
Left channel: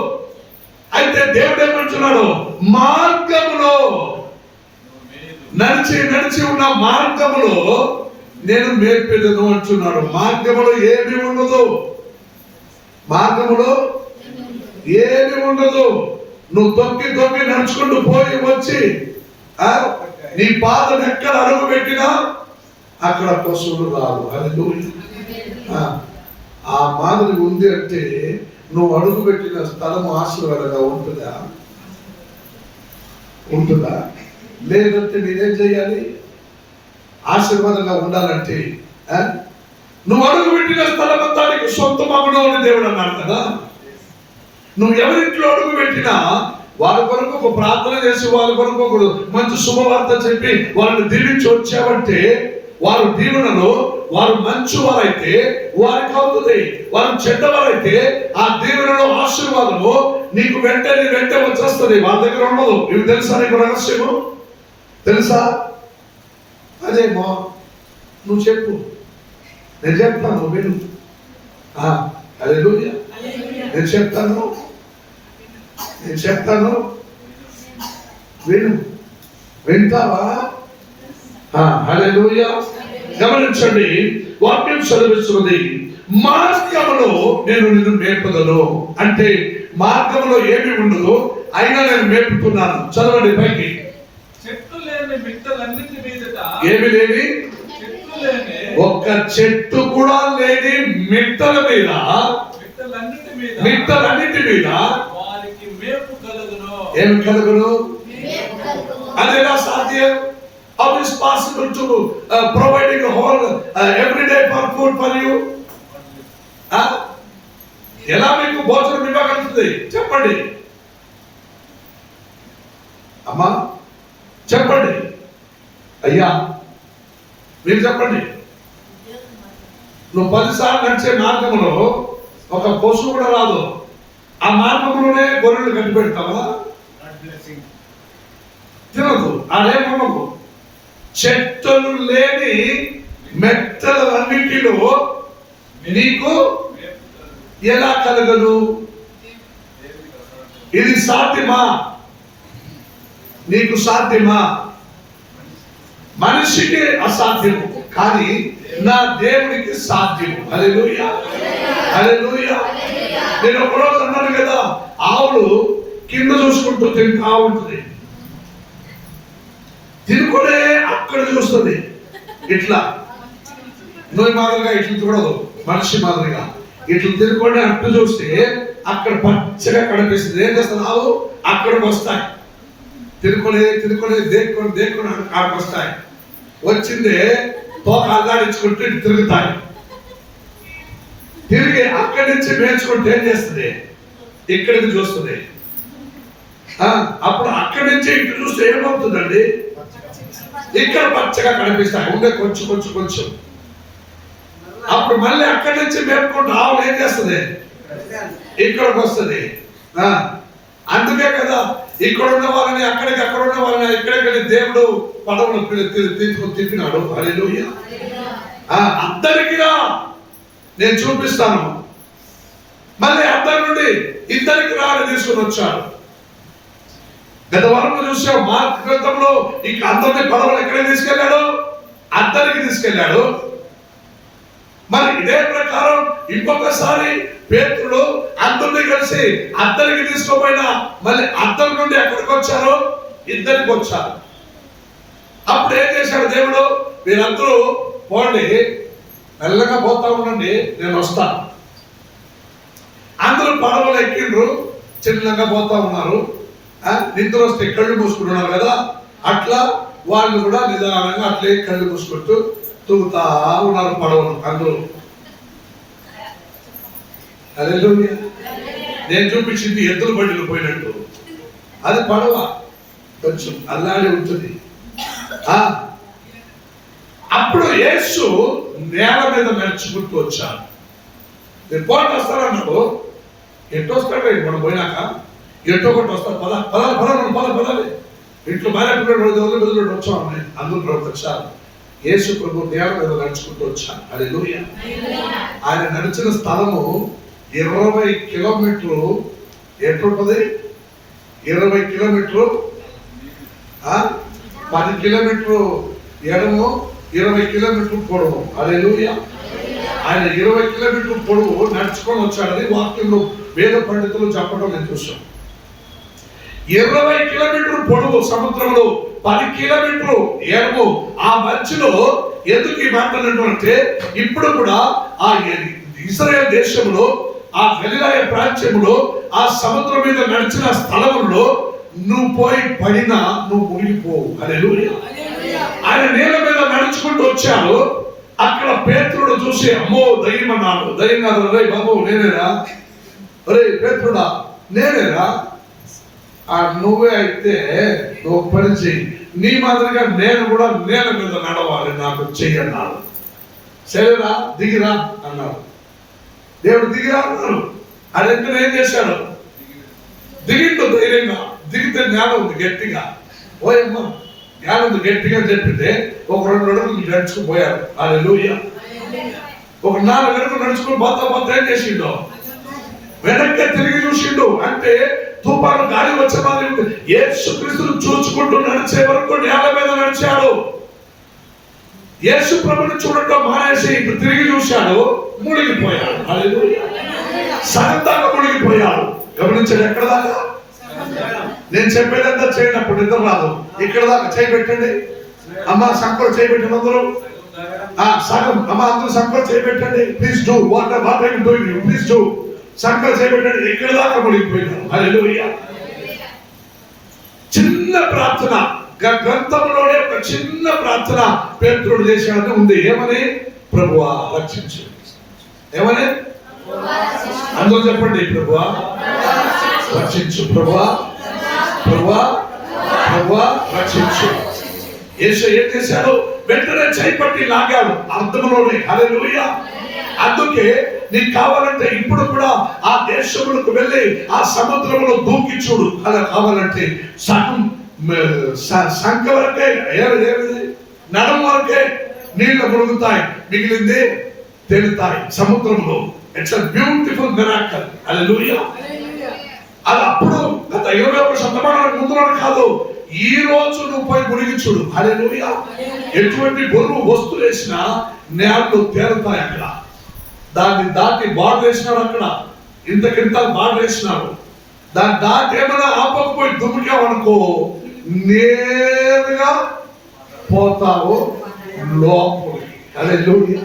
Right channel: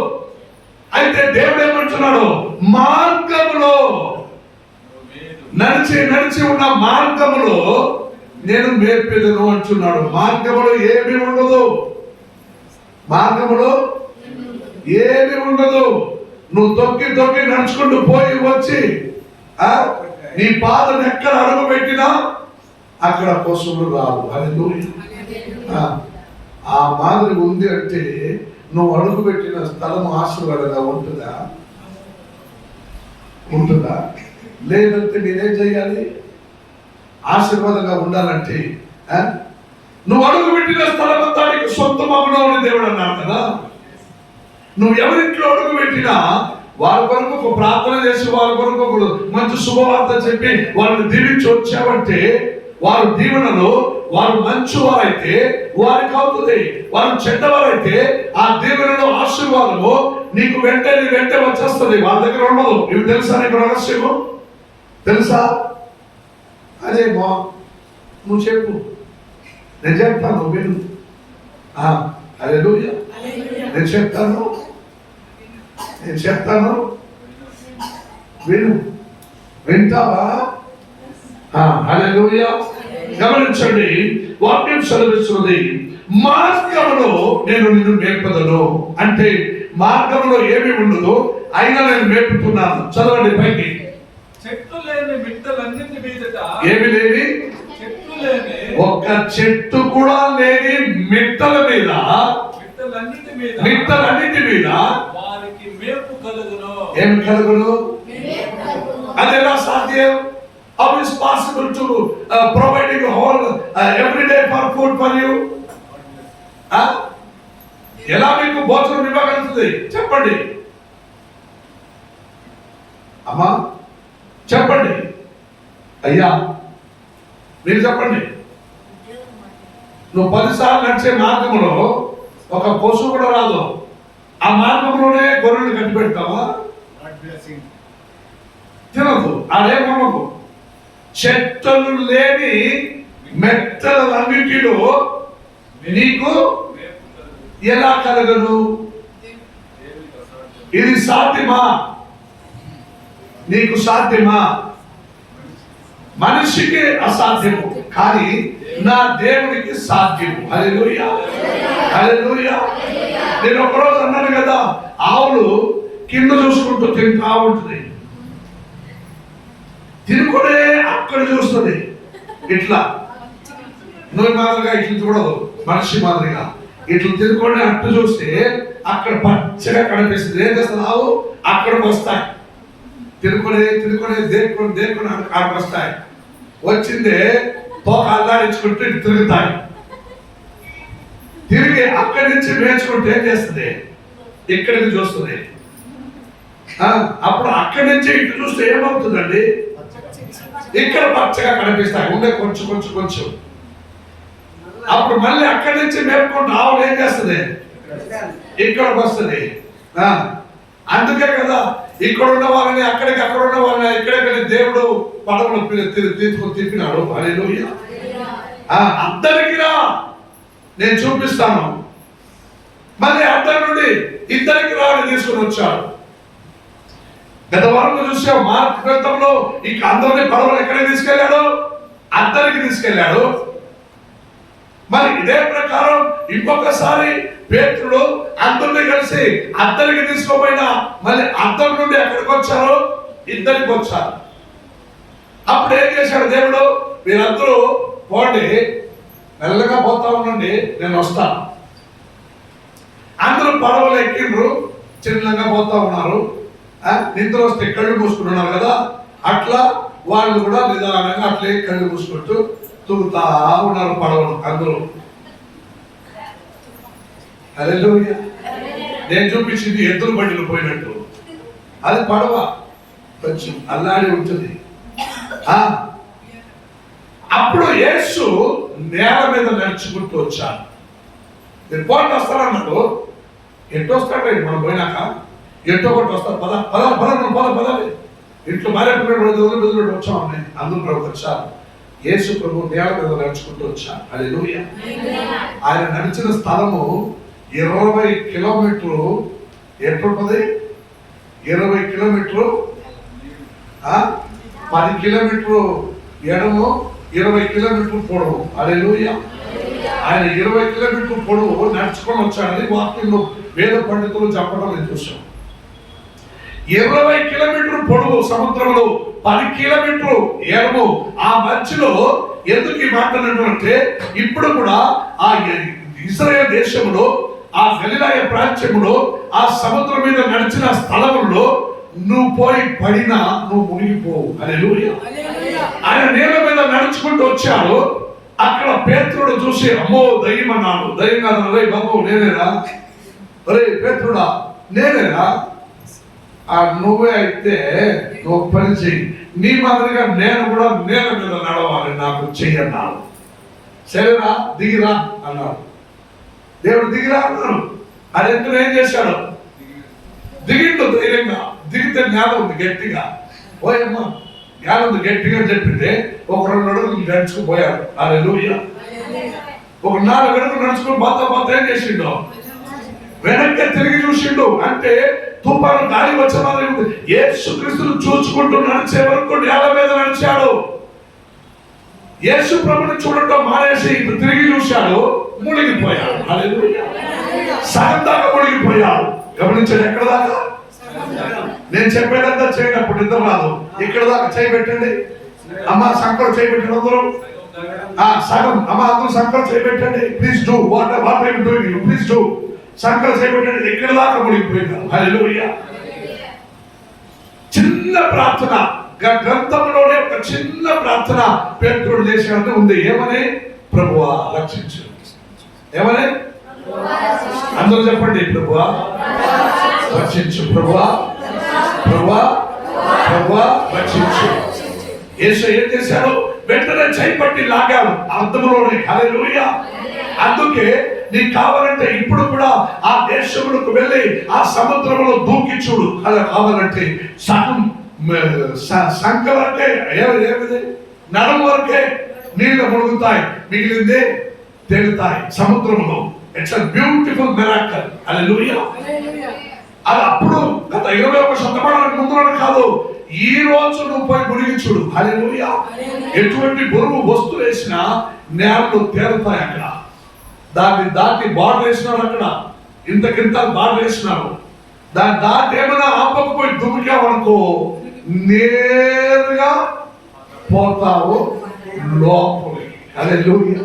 అయితే దేవుడు ఏమంటున్నాడు? మార్గములో నడిచి ఉన్న మార్గములో నేను మేర్పెదను అంటున్నాడు. మార్గములో ఏమి ఉండదు. మార్గములో ఏమి ఉండదు. నువ్వు తొక్కి నడుచుకుంటూ పోయి వచ్చి నీ పాదం ఎక్కడ అడుగు పెట్టినా అక్కడ పశువులు రావు. హల్లెలూయా. ఆ మాదిరి ఉంది అంటే నువ్వు అడుగు పెట్టిన స్థలం ఆశీర్వాదంగా ఉంటుందా? లేదంటే మీరేం చేయాలి? ఆశీర్వాదంగా ఉండాలంటే నువ్వు అడుగు పెట్టిన స్థలం అంతా నీకు సొంతమగును అని దేవుడు అన్నాడు కదా. నువ్వు ఎవరింట్లో అడుగు పెట్టినా వాళ్ళ కొరకు ఒక ప్రార్థన చేసి వాళ్ళ కొరకు ఒక మంచి శుభవార్త చెప్పి వాళ్ళని దీవించి వచ్చావంటే వారు దీవెనలో వారు మంచివారైతే వారికి అవుతుంది. వారు చెడ్డవారైతే ఆ దీవెనలో ఆశీర్వాదము నీకు వెంటే వచ్చేస్తుంది. వాళ్ళ దగ్గర ఉండదు. ఇవి తెలుసా నీకు రహస్యము? తెలుసా? అదేమో నువ్వు చెప్పు, నేను చెప్తాను, విను. హల్లెలూయా. నేను చెప్తాను, విను. వింటావా? హల్లెలూయా. గమనించండి, వాక్యం చదివిస్తున్నది మార్గంలో నేను నిన్ను మేపుదను అంటే మార్గంలో ఏమి ఉండదు, అయినా నేను మేపుతున్నాను. చదవండి పైకి. ఏమి లేని, ఒక్క చెట్టు కూడా లేని మిట్టల మీద, మిట్టలన్నిటి మీద ఏమి కలుగును? అదేలా సాధ్యం? How is possible to providing a whole every day for food for you? ఎలా మీకు భోజనం ఇవ్వగలుగుతుంది? చెప్పండి అమ్మా, చెప్పండి అయ్యా, మీరు చెప్పండి. నువ్వు 10 సార్లు నడిచే మార్గంలో ఒక పశువు కూడా రాదు. ఆ మార్గంలోనే గొర్రెలు కట్టి పెడతావా? తినదు. అదేమనకు చెట్టలు లేని మెట్టలన్నిటిలో నీకు ఎలా కలగదు? ఇది సాధ్యమా? నీకు సాధ్యమా? మనిషికి అసాధ్యము, కానీ నా దేవునికి సాధ్యము. హల్లెలూయా, హల్లెలూయా. నేను ఒకరోజు అన్నాను కదా, ఆవులు కింద చూసుకుంటూ తింటా ఉంటుంది, తినుకునే అక్కడ చూస్తుంది. ఇట్లా నువ్వు మాదిరిగా ఇట్లా చూడదు, మనిషి మాదిరిగా ఇట్లా తినుకొని అట్టు చూస్తే అక్కడ పచ్చగా కనిపిస్తుంది. ఏం చేస్తున్నావు? అక్కడికి వస్తాయి. తినుకునే దేక్కుని అక్కడికి వస్తాయి. వచ్చిందే తోక అల్లాడించుకుంటూ ఇటు తిరుగుతాయి. తిరిగి అక్కడి నుంచి మేర్చుకుంటూ ఏం చేస్తుంది? ఇక్కడికి చూస్తుంది. అప్పుడు అక్కడి నుంచి ఇటు చూస్తే ఏమవుతుందండి? ఇక్కడ పచ్చగా కనిపిస్తాయి. ఉండే కొంచెం. అప్పుడు మళ్ళీ అక్కడి నుంచి మేపుకుంటూ ఆవులు ఏం చేస్తుంది? ఇక్కడికి వస్తుంది. అందుకే కదా ఇక్కడ ఉన్న వాళ్ళని అక్కడికి, అక్కడ ఉన్న వాళ్ళని ఇక్కడికి దేవుడు పడవలు తీసుకొని తిప్పినాడు. హల్లెలూయా. అందరికి రా, నేను చూపిస్తాను. మళ్ళీ అందరి నుండి ఇద్దరికి రా అని తీసుకుని వచ్చాడు. గత వారంలో చూసాం మార్క్ గ్రంథంలో ఇక అందరినీ పడవలు ఎక్కడికి తీసుకెళ్ళాడు? అద్దరికి తీసుకెళ్ళాడు. మరి ఇదే ప్రకారం ఇంకొకసారి పేతురుడు అందరినీ కలిసి అద్దరికి తీసుకోపోయినా మళ్ళీ అద్దరి నుండి ఎక్కడికి వచ్చారు? ఇద్దరికి వచ్చారు. అప్పుడు ఏం చేశాడు దేవుడు, మీరందరూ పోండి, మెల్లగా పోతా ఉండండి, నేను వస్తాను. అందరూ పడవలు ఎక్కిండ్రు, చిన్నగా పోతా ఉన్నారు. నిద్ర వస్తే కళ్ళు మూసుకుంటున్నారు కదా, అట్లా వాళ్ళు కూడా నిదానంగా అట్లే కళ్ళు మూసుకుంటూ తూగుతా ఉన్నారు పడవలు అందరూ. హల్లెలూయా. నేను చూపించింది ఎద్దుల బండిలు పోయినట్టు, అది పడవ కొంచెం అల్లాడి ఉంటుంది. అప్పుడు యేసు నేల మీద నడుచుకుంటూ వచ్చాడు. నేను పోటీ వస్తానన్నాడు. ఎట్టో వస్తాడు మనం పోయినాక, ఎట్టో ఒకటి వస్తాడు. పదాలి ఇంట్లో భార్య పిల్లలు వదిలి వచ్చామని అందరూ వచ్చారు. యేసు ప్రభు నేల మీద నడుచుకుంటూ వచ్చాడు. హల్లెలూయా. ఆయన నడిచిన స్థలము 20 కిలోమీటర్లు. ఎట్లుంటది? 20 కిలోమీటర్లు, 10 కిలోమీటర్లు ఎడము, 20 కిలోమీటర్లు పొడవు. హల్లెలూయా. ఆయన 20 కిలోమీటర్లు పొడవు నడుచుకొని వచ్చాడని వాక్యంలో వేద పండితులు చెప్పడం నేను చూసాం. 20 కిలోమీటర్లు పొడవు సముద్రంలో, 10 కిలోమీటర్లు ఎడము. ఆ మధ్యలో ఎందుకు ఈ మాట్లాడినట్టు అంటే, ఇప్పుడు కూడా ఆ ఇశ్రాయేలు దేశంలో, ఆ గలిలయ ప్రాంతంలో, ఆ సముద్రం మీద నడిచిన స్థలంలో నువ్వు పోయి పడినా నువ్వు మునిగిపోవు. హల్లెలూయా. ఆయన నేల మీద నడుచుకుంటూ వచ్చాడు. అక్కడ పేతురుడు చూసి, అమ్మో దయ్యం అన్నాడు. దయ్యం కాదు, రే బాబు నేనేరా, రే పేతురుడా నేనేరా. నువ్వే అయితే నువ్వు పని చెయ్యి, నీ మాదిరిగా నేను కూడా నేల మీద నడవాలి, నాకు చెయ్యన్నాడు. సరేరా దిగిరా అన్నాడు. దేవుడు దిగిరా అన్నాడు. అది ఎందుకు ఏం చేశాడు? దిగిండు ధైర్యంగా. దిగితే జ్ఞానం ఉంది గట్టిగా. ఓయమ్మ జ్ఞానం ఉంది గట్టిగా చెప్పింది. ఒక 2 అడుగులు నడుచుకుపోయాడు. హల్లెలూయా. ఒక 4 అడుగులు నడుచుకుని బత్త ఏం చేసిండు? వెనక్కి తిరిగి చూసిండు. అంటే తుఫాను గాలి వచ్చేవాళ్ళు యేసుక్రీస్తును చూచుకుంటూ నడిచే వరకు నేల మీద నడిచాడు. యేసు ప్రభుని చూడటం మానేసి ఇప్పుడు తిరిగి చూశాడు, మునిగిపోయాడు. హల్లెలూయా. సగం దాకా మునిగిపోయాడు. గమనించండి, ఎక్కడ దాకా? నేను చెప్పేదంతా చేయనప్పుడు నిద్ర రాదు. ఇక్కడ దాకా చేయి పెట్టండి. అమ్మ సంకలు చేయి పెట్టండి అందరూ. సగం అమ్మ అందరూ సంకలు చేయి పెట్టండి. Please do what I am doing, you please do. సంకలు చేయి పెట్టండి. ఇక్కడ దాకా మునిగిపోయాడు. హల్లెలూయా. చిన్న ప్రార్థన, గ్రంథంలోనే ఒక చిన్న ప్రార్థన పేతురుడు చేసినట్టు ఉంది. ఏమని? ప్రభువా రక్షించు. ఏమని? అందరూ చెప్పండి, ప్రభువా రక్షించు, ప్రభువా ప్రభువా ప్రభువా రక్షించు. యేసు ఏం చేశాడు? వెంటనే చేపట్టి లాగాడు అర్థంలోనే. హల్లెలూయా. అందుకే నీకు కావాలంటే ఇప్పుడు కూడా ఆ దేశంలోకి వెళ్ళి ఆ సముద్రంలో దూకి చూడు. అలా కావాలంటే సగం సంఖ వరకే, నడం వరకే నీళ్ళు మునుగుతాయి, మిగిలిందే తేలుతాయి సముద్రంలో. It's a beautiful miracle. Hallelujah. అది అప్పుడు గత 21 శతమానాలకు ముందు కాదు, ఈ రోజు నువ్వు పోయి మునిగి చూడు. హల్లెలూయా. ఎటువంటి బరువు వస్తువు వేసినా నేలలో తేలుతాయి. అక్కడ దాన్ని దాటి బార్డర్ వేసినారు. అక్కడ ఇంతకింత బార్డర్ వేసినారు. దాన్ని దాటి ఏమైనా ఆపకపోయి దుమికావనుకో నేరుగా పోతావు లోపలికి. హల్లెలూయా.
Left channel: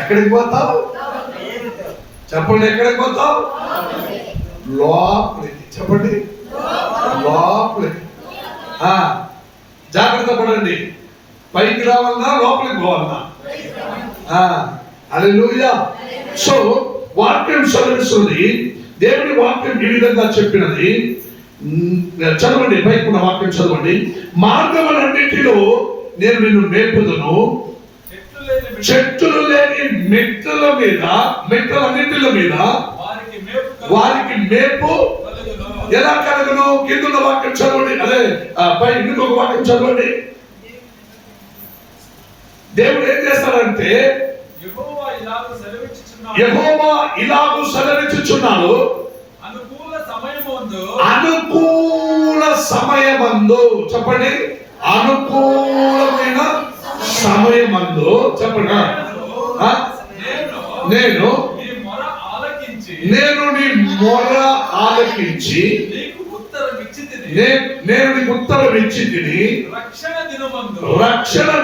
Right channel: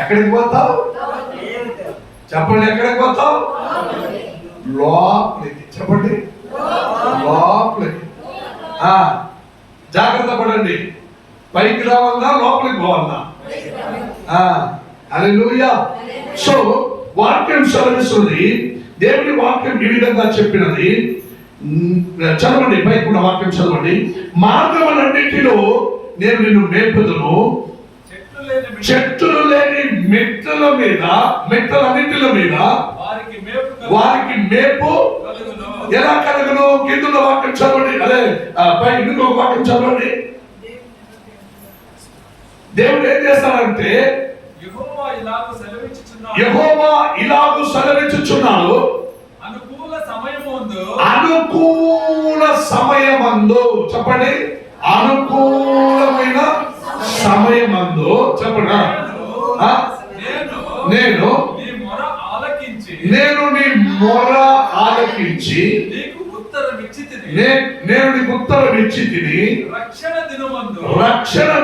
ఎక్కడికి పోతావు? చెప్పండి, ఎక్కడికి పోతావు? లోపలికి. చెప్పండి, లోపలికి. జాగ్రత్త పడండి. పైకి రావాలన్నా లోపలికి పోవాలన్నా? హల్లెలూయా. సో వాక్యం చదివిస్తుంది. దేవుని వాక్యం ఈ విధంగా చెప్పినది. చదవండి, పైకి ఉన్న వాక్యం చదవండి. మార్గములన్నిటిలో నేను నిన్ను మేపుదును, చెట్టులు లేని మెట్టలన్నిటిల మీద వారికి మేపు ఎలా కలుగును? కింద వాక్యం చదవండి. అదే పై ఇంకొక వాక్యం చదవండి. దేవుడు ఏం చేస్తాడంటే, యెహోవా ఇలాగు సెలవిచ్చుచున్నాడు, అనుకూల సమయమందు. చెప్పండి, అనుకూలమైన సమయమందు. చెప్పండి, నేను నీ మొర ఆలకించి నేను నీకు ఉత్తరం ఇచ్చి తిని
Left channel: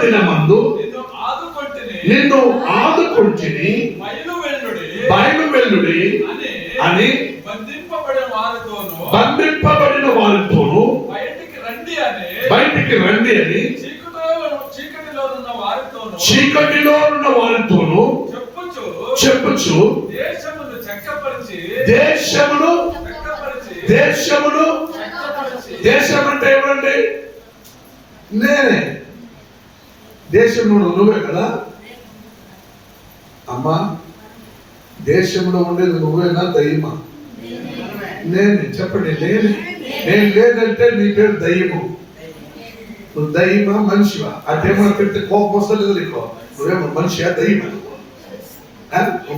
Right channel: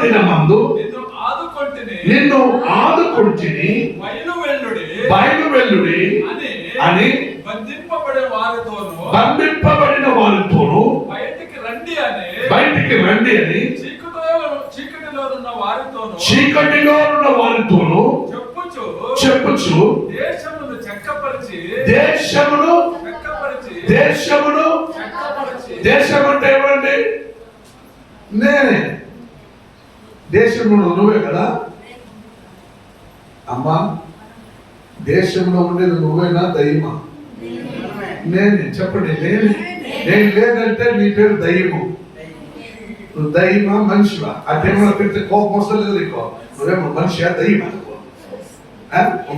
దినమందు నిన్ను ఆదుకొంటిని బయలువెల్లుడి అని బంధింపబడిన వారితోను బయటికి రండి అని చీకటిలో ఉన్న వారితోను చెప్పుచు దేశమును దేశం అంటే ఎవరండి? నేనే. దేశంలో నువ్వే కదా అమ్మా. దేశంలో ఉండేది నువ్వేనా దయ్యమా? నేనే. చెప్పండి. నేను లేదంటే నీ పేరు దయ్యము. నువ్వు దయ్యమా మనిషివా? ఆ దయ్యమా పెడితే కోపం వస్తలేదు నీకు. నువ్వేమో మనిషియా దయ్యమా?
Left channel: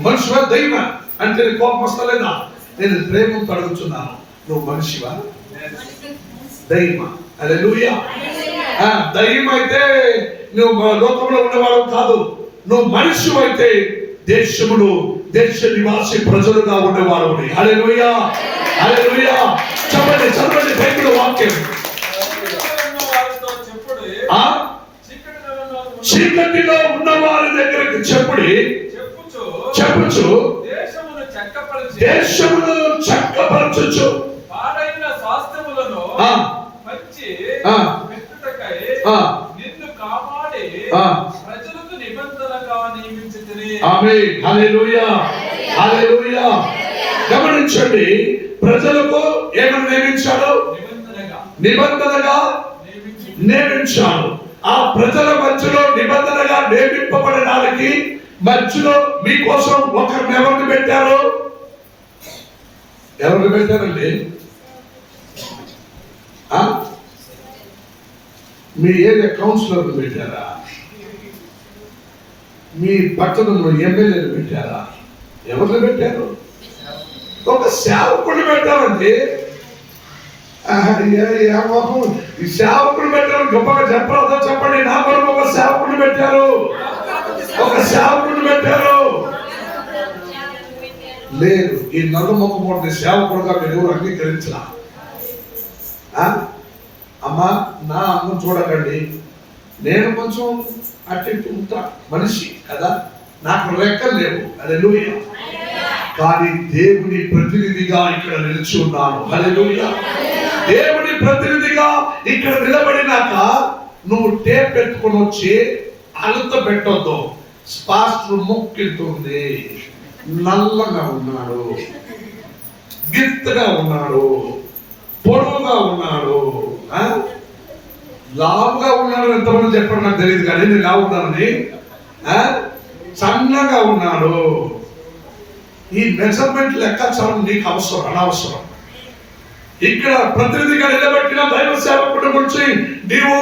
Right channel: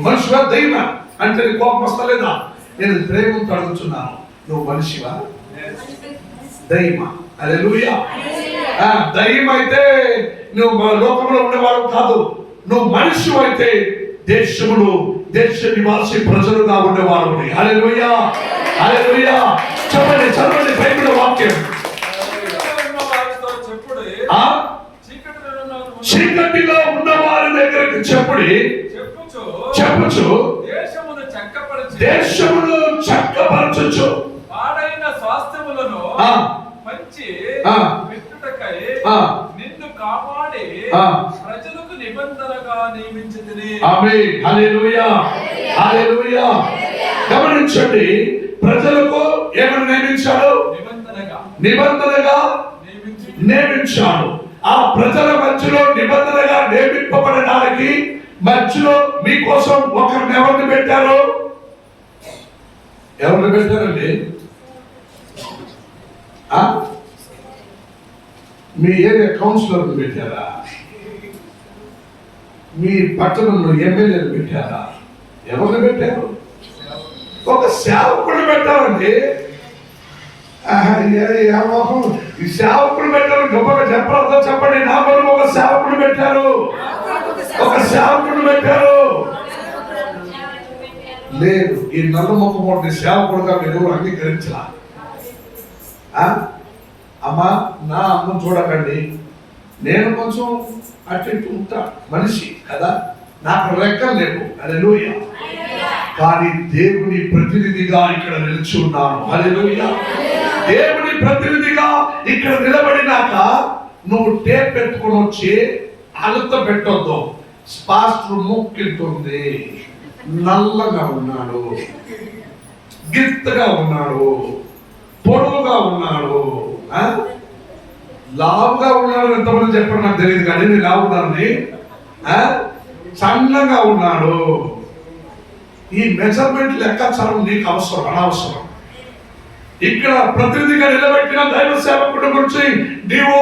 మనిషివా దయ్యమా అంటే నీ కోపం వస్తలేదా? నేను ప్రేమతో అడుగుతున్నాను, నువ్వు మనిషివా దయ్యమా? హల్లెలూయా. దయ్యం అయితే నువ్వు లోకంలో ఉండేవాడు కాదు. నువ్వు మనిషి అయితే దేశములు దేశ నివాసి ప్రజలుగా ఉండేవాడు. హల్లెలూయా, హల్లెలూయా. చదవండి బైబిల్ వాక్యం. చీకటిలో ఉన్న వారి దగ్గరికి చెప్పుచు దేశమును చక్కపరచుచు పాడైన స్వాస్థ్యములను మంచి పెట్టుటకై నిన్ను కాపాడి ప్రజలకు నిబంధనగా నియమించితిని. ఆమేన్. హల్లెలూయా, హల్లెలూయా. గమనించండి, ప్రజలకు ఏమని నియమించాడు? నిబంధనగా నియమించాడు. ఆ ప్రజల మధ్యలో నిబంధనగా నియమింపబడడానికి మధ్యలో మీకోసం ఒకరిని ఎవరిని పెట్టారు? ఎవరిని పెట్టారండి? మీ ఏరియా కౌన్సిలర్ని పెట్టారా? మీ పట్టణంలో ఎమ్మెల్యేలు పెట్టారా? ఎవరిని పెట్టారు? ఒక సేవకుడిని పెట్టారండి. ఈ సేవకుడు పెట్టారు. గొప్పగా చెప్పరాదో చెప్పండి. నా కొరకు ఒక సేవకుడు పెట్టారు. లేదు, ఈ నల్ల మొక్కమోటిని సేవకుడుగా మీరు అంగీకరించరా? అమ్మా, నా అమ్మ చూడకండి, నేను కొంచెం అటు ఉంటా, మనిషి కదా, నాకు రెక్కలు లేవు. హల్లెలూయా. కానీ దేవుని ప్రతినిధిగా ఇక్కడ నిలిచి ఉన్నాను. హల్లెలూయా. దేవుని ప్రతినిధిగా ఇక్కడ నిలబడినాక నువ్వు టేప్ పెట్టుకుని వచ్చి అలత పెట్టొద్దు. పాస్టర్ ముక్కితుంది, నల్లగా ఉన్నాడు, గిత్తగా ఉన్నాడు, పొడవుగా ఉన్నాడు, లావుగా ఉన్నాడు. ఎంతమంది చెప్పారు నాకు తెలియదు, కానీ నేను లావున్నానని. సన్నగా ఉన్నాడు. ఈ మెజర్మెంట్ లెక్కాచారం నీకు అవసరం అనవసరం. ఇక్కడ ప్రతినిధిగా నిలబెట్టిన దైవ సేవకుడి గురించి నీవు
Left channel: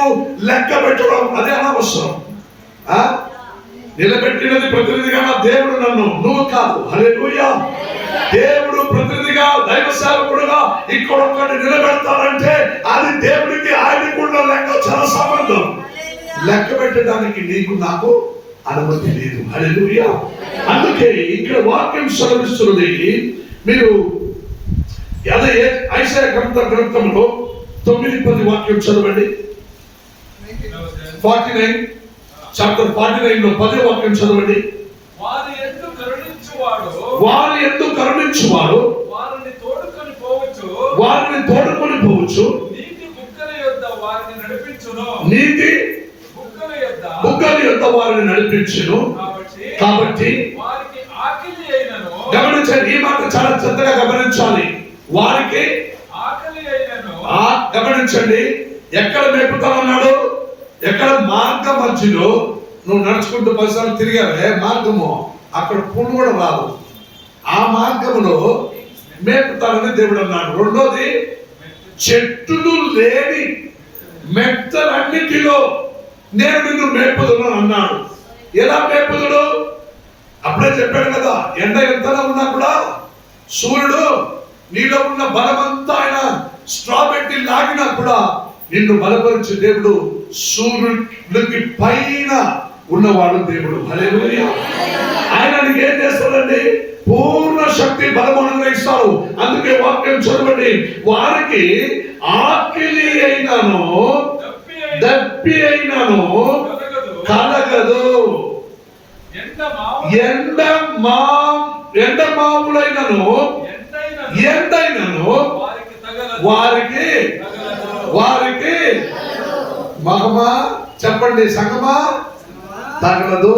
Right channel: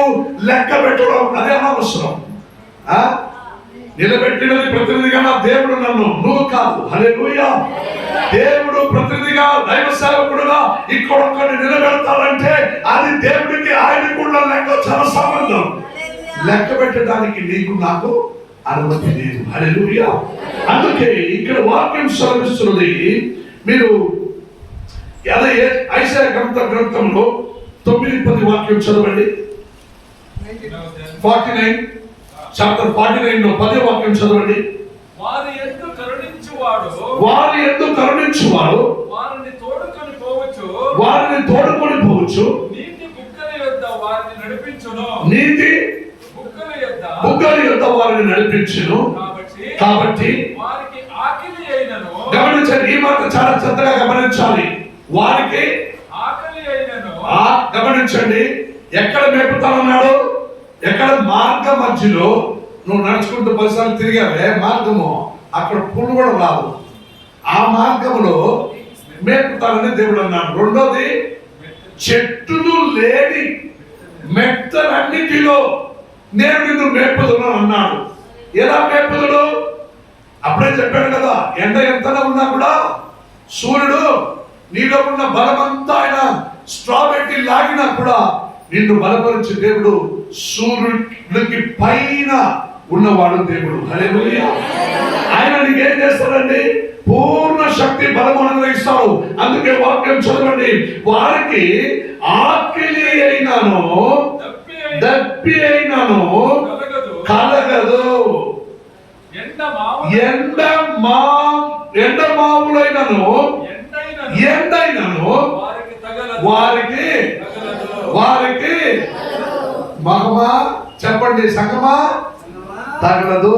లెక్క పెట్టడం అదే అనవసరం. నిలబెట్టినది ప్రతినిధిగా నా దేవుడు, నన్ను, నువ్వు కాదు. హల్లెలూయా. దేవుడు ప్రతినిధిగా దైవ సేవకుడుగా ఇక్కడ ఒక్కడిని నిలబెడతాడంటే అది దేవుడికి ఆయనకు ఉన్న లెక్క చాలా సంబంధం. లెక్క పెట్టడానికి నీకు నాకు అనుమతి లేదు. హల్లెలూయా. అందుకే ఇక్కడ వాక్యం సెలవిస్తున్నది. మీరు ఐసాయా గ్రంథంలో 9:10 వాక్యం చదవండి. 49 చాప్టర్ 49 లో 10వ వాక్యం చదవండి. వారి యందు కరుణించువాడు వారిని తోడుకొని పోవచ్చు. నీతి బుగ్గల యొద్ద వారిని నడిపించును. కాబట్టి వారికి ఆకలి అయినను. గమనించండి, ఈ మాట చాలా శ్రద్ధగా గమనించాలి. వారికి ఆకలి అయినను. గమనించండి, ఎక్కడ మేపుతామన్నాడు? ఎక్కడ మార్గం మధ్యలో నువ్వు నడుచుకుంటూ 10 సార్లు తిరిగావే మార్గము, అక్కడ పుండు కూడా రాదు. ఆ మార్గంలో మేపుతానని దేవుడు అన్నాడు. రెండోది, చెట్టులు లేని మెట్టలన్నిటిలో నేను నిన్ను మేపుదును అన్నాడు. ఎలా మేపుదుడు? అప్పుడే చెప్పాడు కదా, ఎండ ఎంతగా ఉన్నా కూడా సూర్యుడు నీలో ఉన్న బలమంతా ఆయన స్ట్రా పెట్టి లాగినా కూడా నిన్ను బలపరిచే దేవుడు సూర్యుడికి పైన ఉన్నవాడు దేవుడు. హల్లెలూయా. ఆయన నీకు ఏం చేస్తాడండి? పూర్ణ శక్తి బలము అనుగ్రహిస్తాడు. అందుకే వాక్యం చదవండి. వారికి ఆకలి అయినను దప్పి అయినను కలగదు. ఎండమావులైనను ఎండైనను వారికి మహమా చెప్పండి సంగమా తగలదు.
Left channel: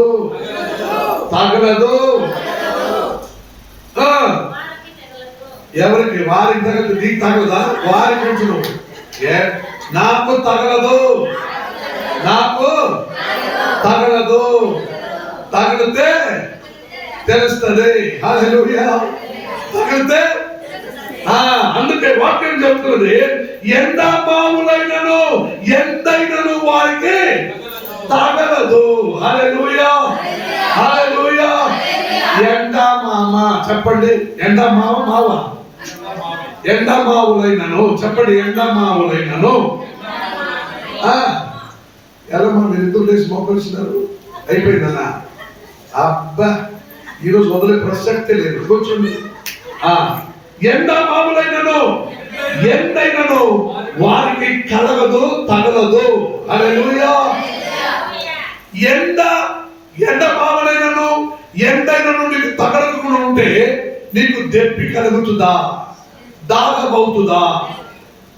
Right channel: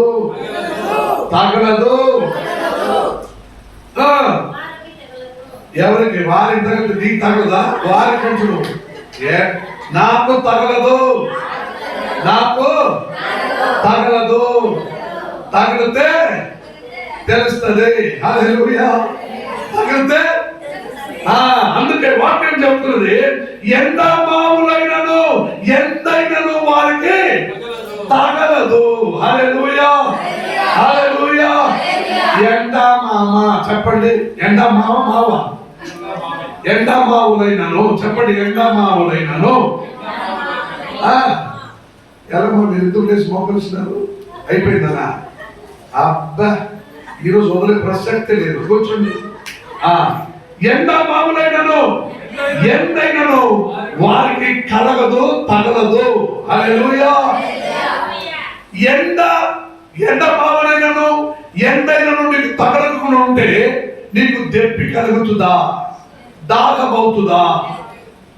ఎవరికి? వారికి తగలదు. నీకు తగలదా? వారికి అంటుడు నాకు తగలదు, నాకు తగలదు. తగిలితే తెలుస్తుంది. హల్లెలూయా. తగిలితే అందుకే వాక్యం చెప్తున్నది, ఎండమావులైనను ఎండైనను వారికి తగలదు. హల్లెలూయా, హల్లెలూయా. ఎండమామ చెప్పండి. ఎండమావ ఎండమావులైనను చెప్పండి. ఎండమావులైనను ఎలామా మీరు ఎందుకు లేచి మోకరిస్తున్నారు? అయిపోయిందనా? అబ్బా, ఈరోజు వదిలే ప్రసక్తి లేదు. కూర్చోండి. ఎండమావులైనను ఎండైనను వారికి కలగదు, తగలదు. హల్లెలూయా. ఎండమావులైనను ఎండైనను నీకు తగలకుండా ఉంటే నీకు దెప్పి కలుగుతుందా? దాగమవుతుందా?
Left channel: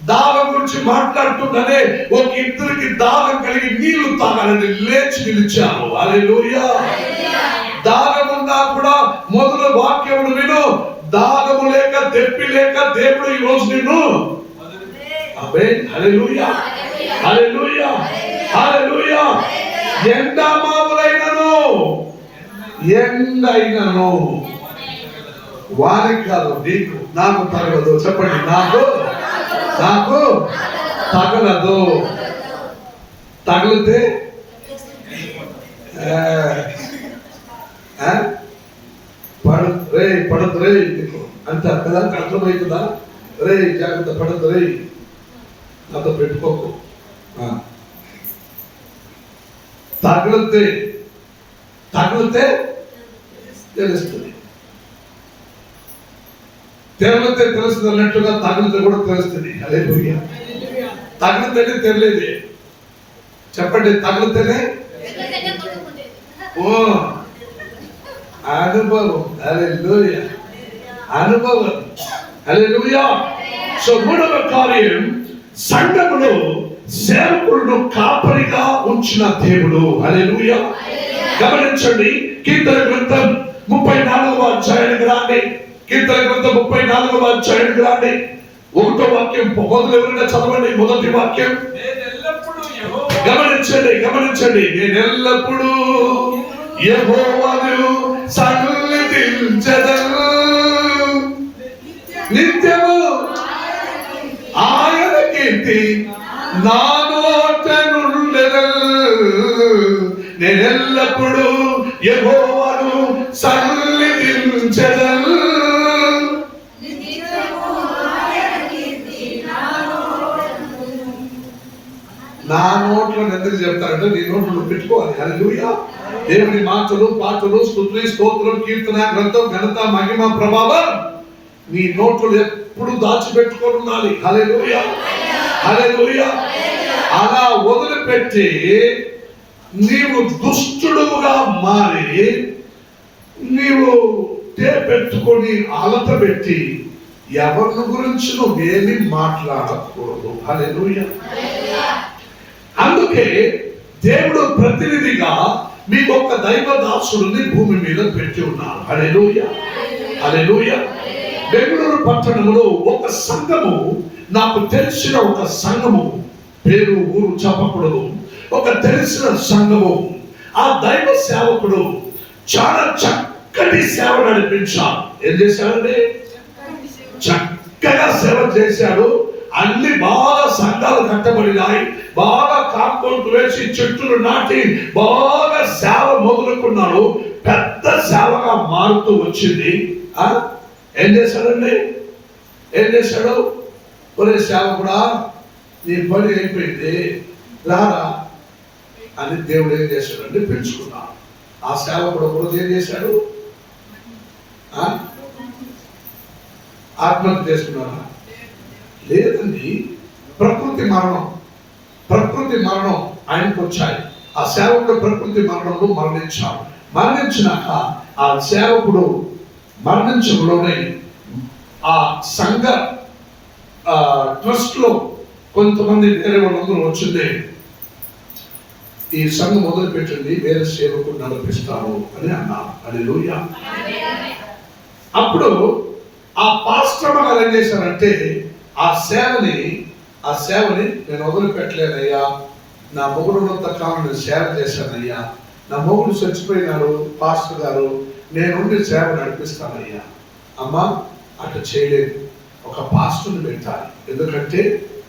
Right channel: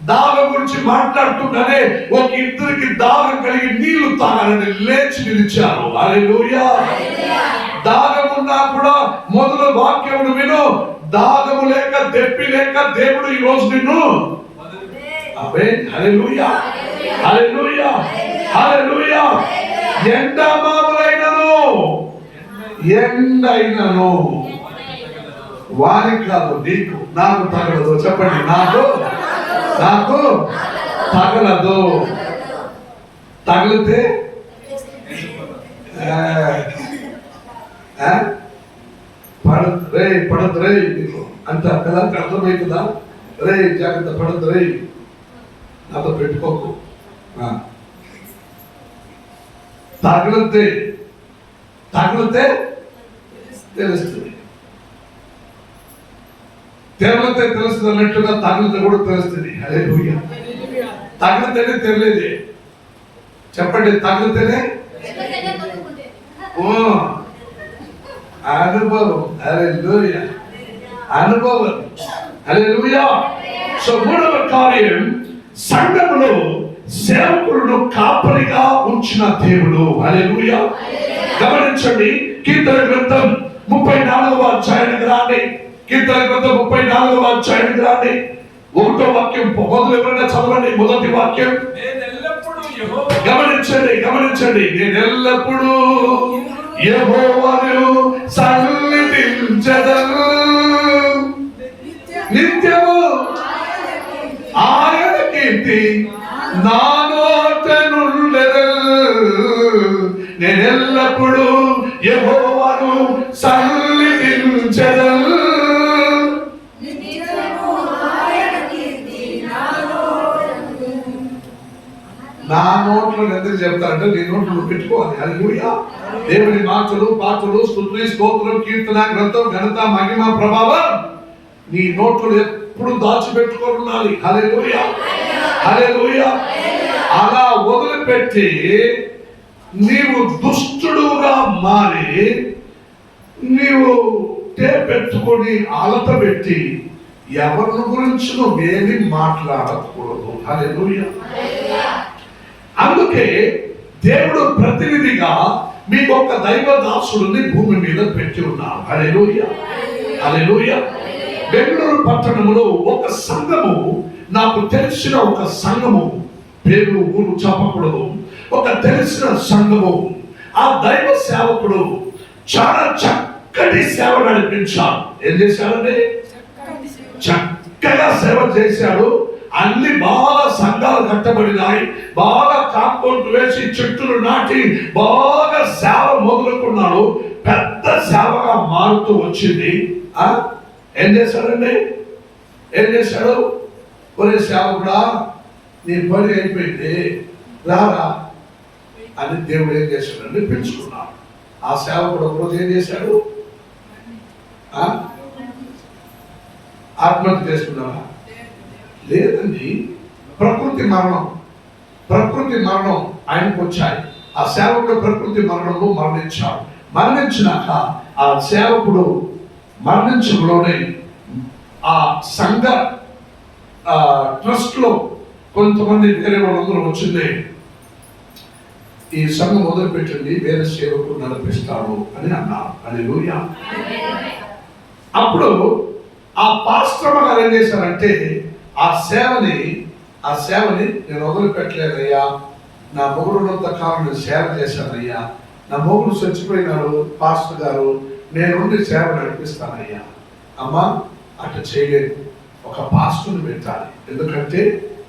దాగం గురించి మాట్లాడుతుండనే ఒక ఇద్దరికి దాగం కలిగి నీళ్లు తాగాలని లేచి నిలిచారు. హల్లెలూయా. దాగమున్నా కూడా మొదలు వాక్యమును విను. దాగము లేక దెప్పి లేక దేవుడు ఈ రోజు నిన్ను హల్లెలూయా, హల్లెలూయా, హల్లెలూయా. ఎండమావులైనను ఎండైనను వారికి కాదు, నీకు నాకు తగలదు. చెప్పండి. నాకు తగలదు. తగిలితే పడదు రే నీకు అంత కదా అర్థమవుతుందా? రే జాగ్రత్త, పడదు రే, నాతో పెట్టుకోకు. తగిలితే తెలుస్తుంది. తెరలితే తెలుస్తుంది అన్నట్టుగా తగిలితే కూడా తెలుస్తుంది. హల్లెలూయా. తగిలితేనే తెలియదు. చెప్పండి. తగిలితేనే అనుభవం. హల్లెలూయా, అనుభవం. హల్లెలూయా. సో మూడవ కార్యం, సంఘములో సేవకులను కాపరిగా ఉంచిన దేవుడు. హల్లెలూయా. గమనించండి. కీర్తన గ్రంథం 34వ అధ్యాయానికి రండి. కీర్తన గ్రంథం 34వ అధ్యాయానికి రండి. 1వ వాక్యం మొదలు ఎవరైనా చదవండి. మొదటి వాక్యం. గమనించండి. నేనెల్లప్పుడూ యెహోవాను సన్నిధించెదను, నిత్యము ఆయన కీర్తి నా నోట నుండెదను. నేనెల్లప్పుడూ యెహోవాను సన్నిధించెదను. నా నోట్లో ఎందుకు చెప్తారంటే నీ నోట్లో పెట్టుకోవాలి. హల్లెలూయా. దేవుని మాటలు, పాటలు, స్తుతి, స్తోత్రం, కీర్తన, గ్రంథం, ఘనత, మహిమ, ప్రభావం నీ నోట్లో ఎప్పుడు దాచిపెట్టుకొని ఉండాలి. హల్లెలూయా, హల్లెలూయా. అలా వదిలిపెట్టి నీవు దుష్టుడుగా మారి నీవు పెట్టుకొని అలత పెట్టి ఎవరి గురించి నువ్వేమి మాట్లాడకూడదు. హల్లెలూయా. అందుకే దేవుడు ప్రతినిధిగా మీకు ఒక దైవ దాసుడిని భూమి మీద పెట్టి ఉన్నాడు. హల్లెలూయా, హల్లెలూయా. బెంగళూరు పట్టణంలో ఒక సంఘము, నాకు తెలిసిన ఒక సంఘము, పేరు ఊరు చెప్పకూడదు, ఒక తెలిసిన సంఘము, ఆ దైవ సేవకుడు చాలా చక్కటి సేవ నడిపించాడు. ఏం చేశాడండి? చక్కగా సేవ చేశాడు. అన్ని బాగా సంఘాలు కట్టబడినాయి. బాగా కాంపౌండ్ వేసి చెట్టులు నాటి బాగా సేవ మొదలుకున్నాడు. పెద్ద సేవగా మారుతూ వచ్చింది. ఏం చేశాడండి? ఏం చేశాడు? ఒరే సేవకుడా, నీ పని అయిపోయింది, రారా అని దేవుడు ఏం చేశాడండి? పెంచుకున్నాడు. ఆ సేవకుడు ఒకరోజు ఏం చేశాడు? ఆత్మహత్య చేసుకున్నారా? లేదండి. ప్రకృతి మరణం. ప్రకృతి మరణం ఆయనకు వచ్చాయి. ఆ సేవకుడు ప్రకృతి మరణంలో మరణించాడు. మరణించినాక ఆ సేవకుడు మరణించడంలోనే ఆ సంఘ ట్రస్ట్ లో కొంతమంది వేరే వాళ్ళందరూ వచ్చింది, ఈ సంఘం మొదలుపెట్టింది వేరే సేవకుడు నడిపిస్తారు అని అన్నారు. హల్లెలూయా. అప్పుడు ఆ పాస్టర్ గారు ఏం చేశారంటే ఆ సేవని నేను వదిలిపెట్టలేనయ్యా, నా మొగుడున్నంత కాలం నేను సేవ చేశానయ్యా, నా మొగుడు చచ్చిపోయినాడు పాస్టర్ గారు, నేనుండి సేవ నడిపిస్తానయ్యా. అమ్మా అట్లా చేయలేదు, ఒక పాస్టర్ని పెట్టాలి. ఎందుకంటే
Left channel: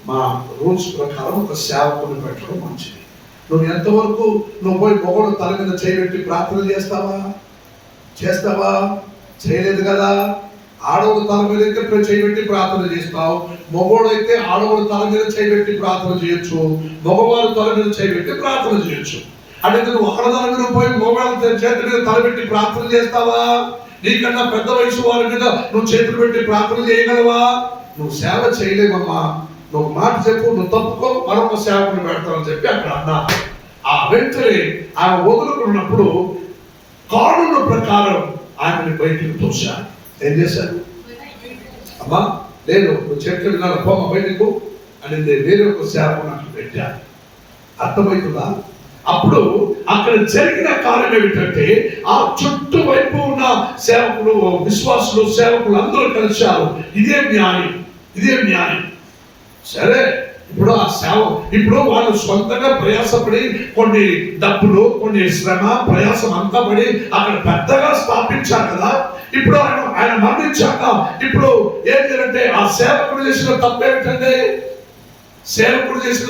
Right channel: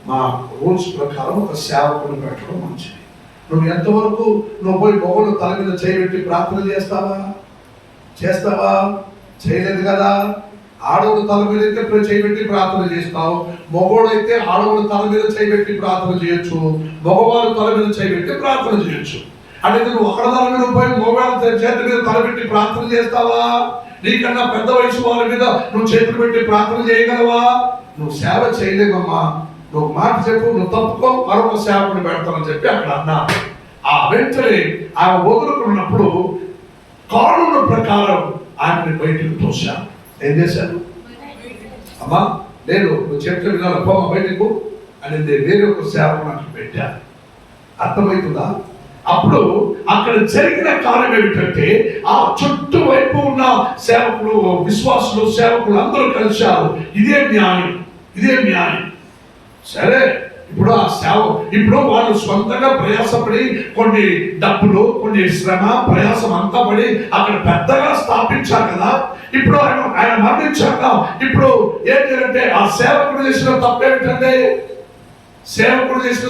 మా రూల్స్ ప్రకారం ఒక సేవకుని పెట్టడం మంచిది. నువ్వు ఎంతవరకు నువ్వు పోయి మొగుడు తల మీద చేయబెట్టి ప్రార్థన చేస్తావా? చేయలేదు కదా. ఆడవుడు తల మీద అయితే చేయబెట్టి ప్రార్థన చేస్తావు, మగవాడు అయితే ఆడవుడు తల మీద చేయబెట్టి ప్రార్థన చేయొచ్చు, మగవాడు తల మీద చేయబెట్టి ప్రార్థన చేయొచ్చు. అంటే నువ్వు ఆడదాని మీద పోయి మగవాళ్ళ చేతి మీద తలబెట్టి ప్రార్థన చేస్తావా? నీకన్నా పెద్ద వయసు వారి మీద నువ్వు చేతులు పెట్టి ప్రార్థన చేయగలవా? నువ్వు సేవ చేయలేవమ్మా, నువ్వు మాట చెప్పు, నువ్వు తప్పుకో, మరొక సేవకుని పెడతానని చెప్పి అక్కడ అన్నా. ఆ వెంటనే ఆమె వదులుకున్నప్పుడు కానూను ప్రకారం ఆమెని బయటికి తోశాను. ఏం చేశాను? అమ్మా లేదు, నువ్వు చెట్లు వినాలి, బొమ్మ బయటకు అని వేరే ఒక సేవకుని అక్కడ పెట్టాను. అర్థమవుతుందా? అప్పుడు అక్కడ జరిగిన కార్యం ఏమిటంటే ఆ చుట్టూ వైపు ఉన్న సేవకులు, విశ్వాసులు, సేవకులు అందరూ కలిశారు. ఇదే న్యాయం. సరే, ఇప్పుడు ఆ ఇప్పుడు వాళ్ళు సొంతంగా ప్రయాసపడి కొన్ని డబ్బులు, కొన్ని శ్రమ, ప్రయాసం అంతా పడి అక్కడ పెద్దగా స్థాపించారు కదా. ఇప్పుడు ఆయన మరణించాక ఇప్పుడు ఏం చేయాలంటే ఆ సేవకుడు చేసిన తప్పేమిటంటే ఆ సేవకుడు చేసిన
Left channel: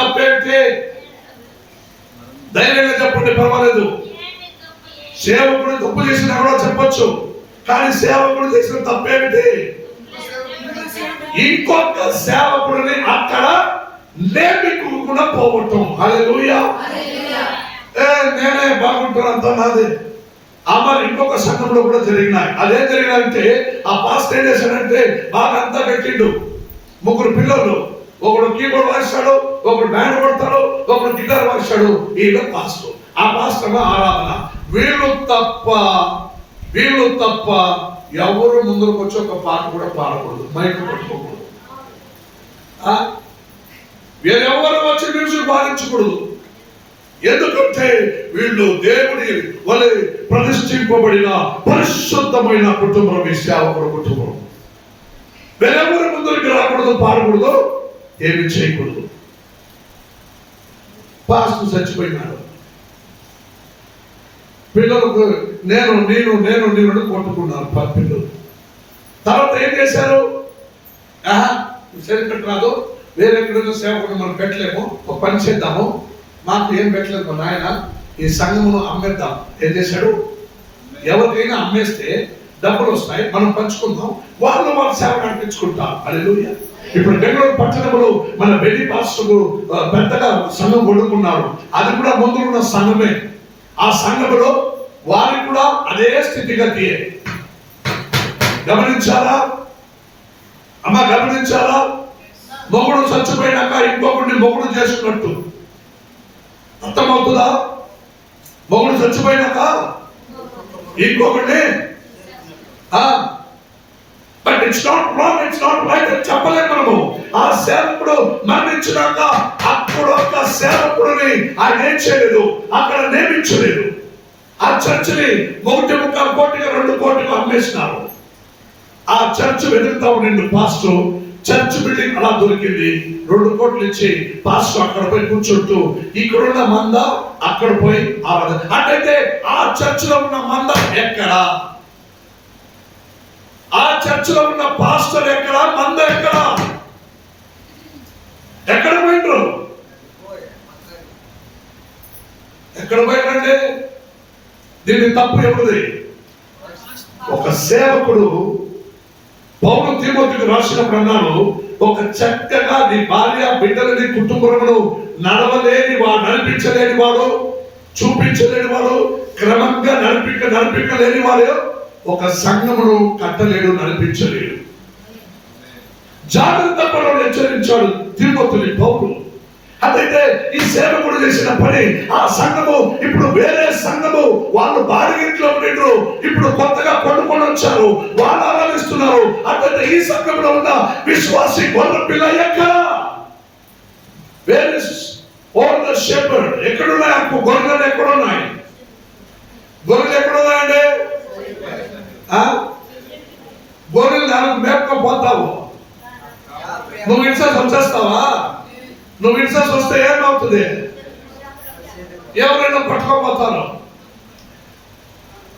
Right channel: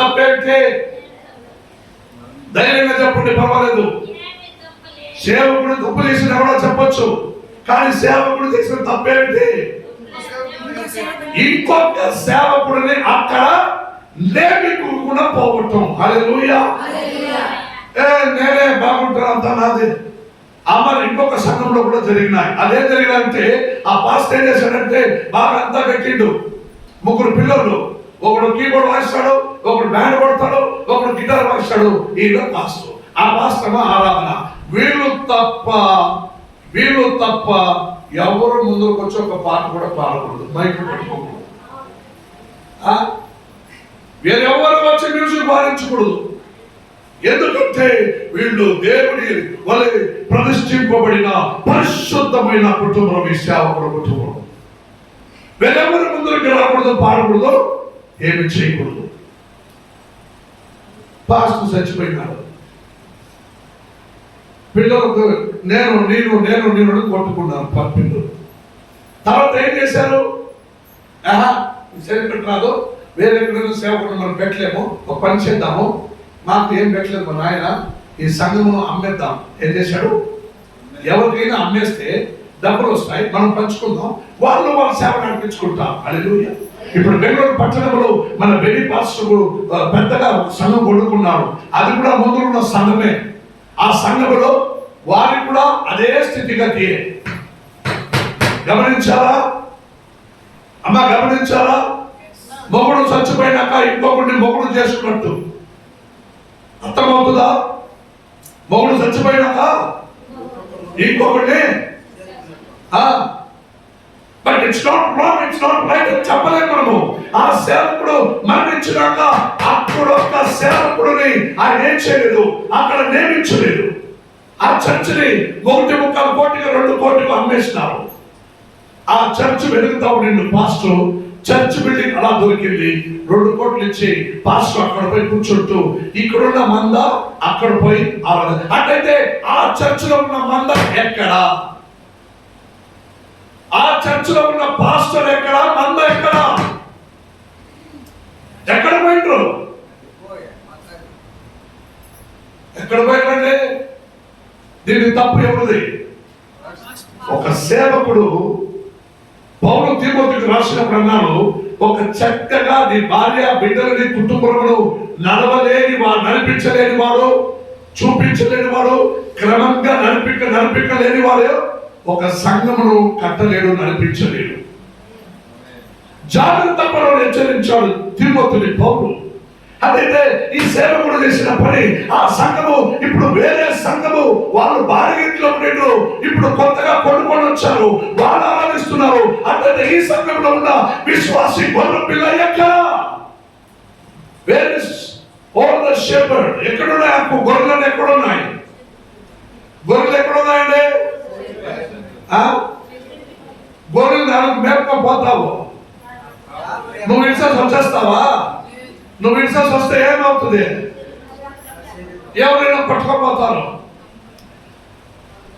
తప్పేమిటి? ధైర్యంగా చెప్పండి, పర్వాలేదు. సేవకుడు తప్పు చేసిన కూడా చెప్పొచ్చు, కానీ సేవకుడు చేసిన తప్పేమిటి? ఇంకొక సేవకుడిని అక్కడ లేకుండా పోవటం. హల్లెలూయా. నేనే బాగుంటాను అంతా నాదే. మరి ఇంకొక సంఘంలో కూడా జరిగినాయి. అదేం జరిగినాయంటే ఆ పాస్టర్ ఏం చేశాడంటే బాగా అంతా పెట్టిండు. 3 పిల్లలు, ఒకడు కీబోర్డ్ వాయిస్తాడు, ఒకడు బ్యాండ్ కొడతాడు, ఒకడు గిటార్ వాయిస్తాడు. ఈయన పాస్టర్. ఆ పాస్టర్ ఆరాధన. వీళ్ళు తప్ప ఎవరు ముందుకు వచ్చి ఒక పాట కూడా పాడకూడదు, మైక్ పట్టుకోకూడదు. వేరెవరు వచ్చి మ్యూజిక్ పాడించకూడదు. ఎందుకంటే వీళ్ళు దేవుని వలె ప్రతిష్ఠింపబడిన పరిశుద్ధమైన కుటుంబం, ఈ సేవకుల కుటుంబం. వేరెవరు ముందుకు రాకూడదు, పాడకూడదు, ఏమి చేయకూడదు. పాస్టర్ చచ్చిపోయినాడు. పిల్లలకు నేను కొట్టుకున్నారు పిల్లలు. తర్వాత ఏం చేశారు? సరిపెట్టి రాదు, వేరే ఎక్కడైనా సేవకుడు మనం పెట్టలేము, ఒక పని చేద్దాము, మాకు ఏం పెట్టలేదు మా నాయన, ఈ సంఘమును అమ్మేద్దాం. ఏం చేశాడు? ఎవరికైనా అమ్మేస్తే డబ్బులు వస్తాయి, మనం పంచుకుందాం, వాళ్ళ సేవ నడిపించుకుంటాం. హల్లెలూయా. ఇప్పుడు బెంగళూరు పట్టణంలో మన బెల్లి పాస్టర్ పెద్దగా సంఘం కొడుకున్నారు. అది కూడా ముందు ఉన్న సంఘమే. ఆ సంఘంలో వారికి కూడా అదే స్థితిగతి. గమనించారా? మొగుడు చచ్చిపోయినాక ఇంకొకరిని మొగుడు చేసుకున్నట్టు. అర్థమవుతుందా? మొగుడు చచ్చిపోయినాక ఇంకొకరిని, but it's not wrong, it's not right అని చెప్పలేము మనము. ఆ సేవకుడు మరణించినాక అప్పుడు ఒక్క సేవకుడిని ఆయన ఏం చేయలేదు, అక్కడ నియమించలేదు. ఆ చర్చిని 1.25 కోటిగా 2 కోటిగా అమ్మేసినారు. ఆ చర్చ్ వెతుకుతా ఉండి పాస్టర్ చర్చ్ బిల్డింగ్ అలా దొరికింది. 2 కోట్లు ఇచ్చి పాస్టర్ అక్కడ పోయి కూర్చుంటూ ఇక్కడున్న మంద అక్కడ పోయి ఆరాధన. అట్లయితే ఆ చర్చిలో ఉన్న మంద ఎక్కడ? ఆ చర్చిలో ఉన్న పాస్టర్ ఎక్కడ? మంద ఎక్కడ? ఎక్కడ పోయిండ్రు? ఎక్కడ పోయినండి? దీని తప్పు ఎవరిది? ఒక సేవకుడు పౌలు తిమోతికి రాసినప్పుడు అన్నాడు, ఒక చక్కగా నీ భార్య బిడ్డలని కుటుంబమును నడవలేని వాడు, నడిపించలేని వాడు చూపించలేని వాడు, క్రమంగా నడిపించలేని వాడు ఒక సంఘమును కట్టలేడు, నడిపించలేడు. జాగ్రత్త పడని హెచ్చరించాడు తిమోతిని పౌలు. అదైతే ఈ సేవకుడు చేసిన పని, ఆ సంఘము ఇప్పుడు వేరే సంఘము, వాళ్ళు బాడిగింట్లో ఉండేరు, ఇప్పుడు కొత్తగా కొనుక్కొని వచ్చారు, వాళ్ళు ఆరాధిస్తున్నారు. అట్లయితే ఈ సంఘంలో ఉన్న విశ్వాసి గొర్రె పిల్ల వేరే షెపర్డ్ ఎక్కడున్నాయి? గొర్రెలు ఎక్కడున్నాయి? గొర్రెలు ఎక్కడున్నాయండి? గొర్రెలు దానికి మేపుకోపోతావు. నువ్వు ఇన్సెన్స్ వచ్చేస్తావా? నువ్వు ఇన్సెన్స్ వస్తే ఏమవుతుంది? ఎవరైనా పట్టుకోపోతారు.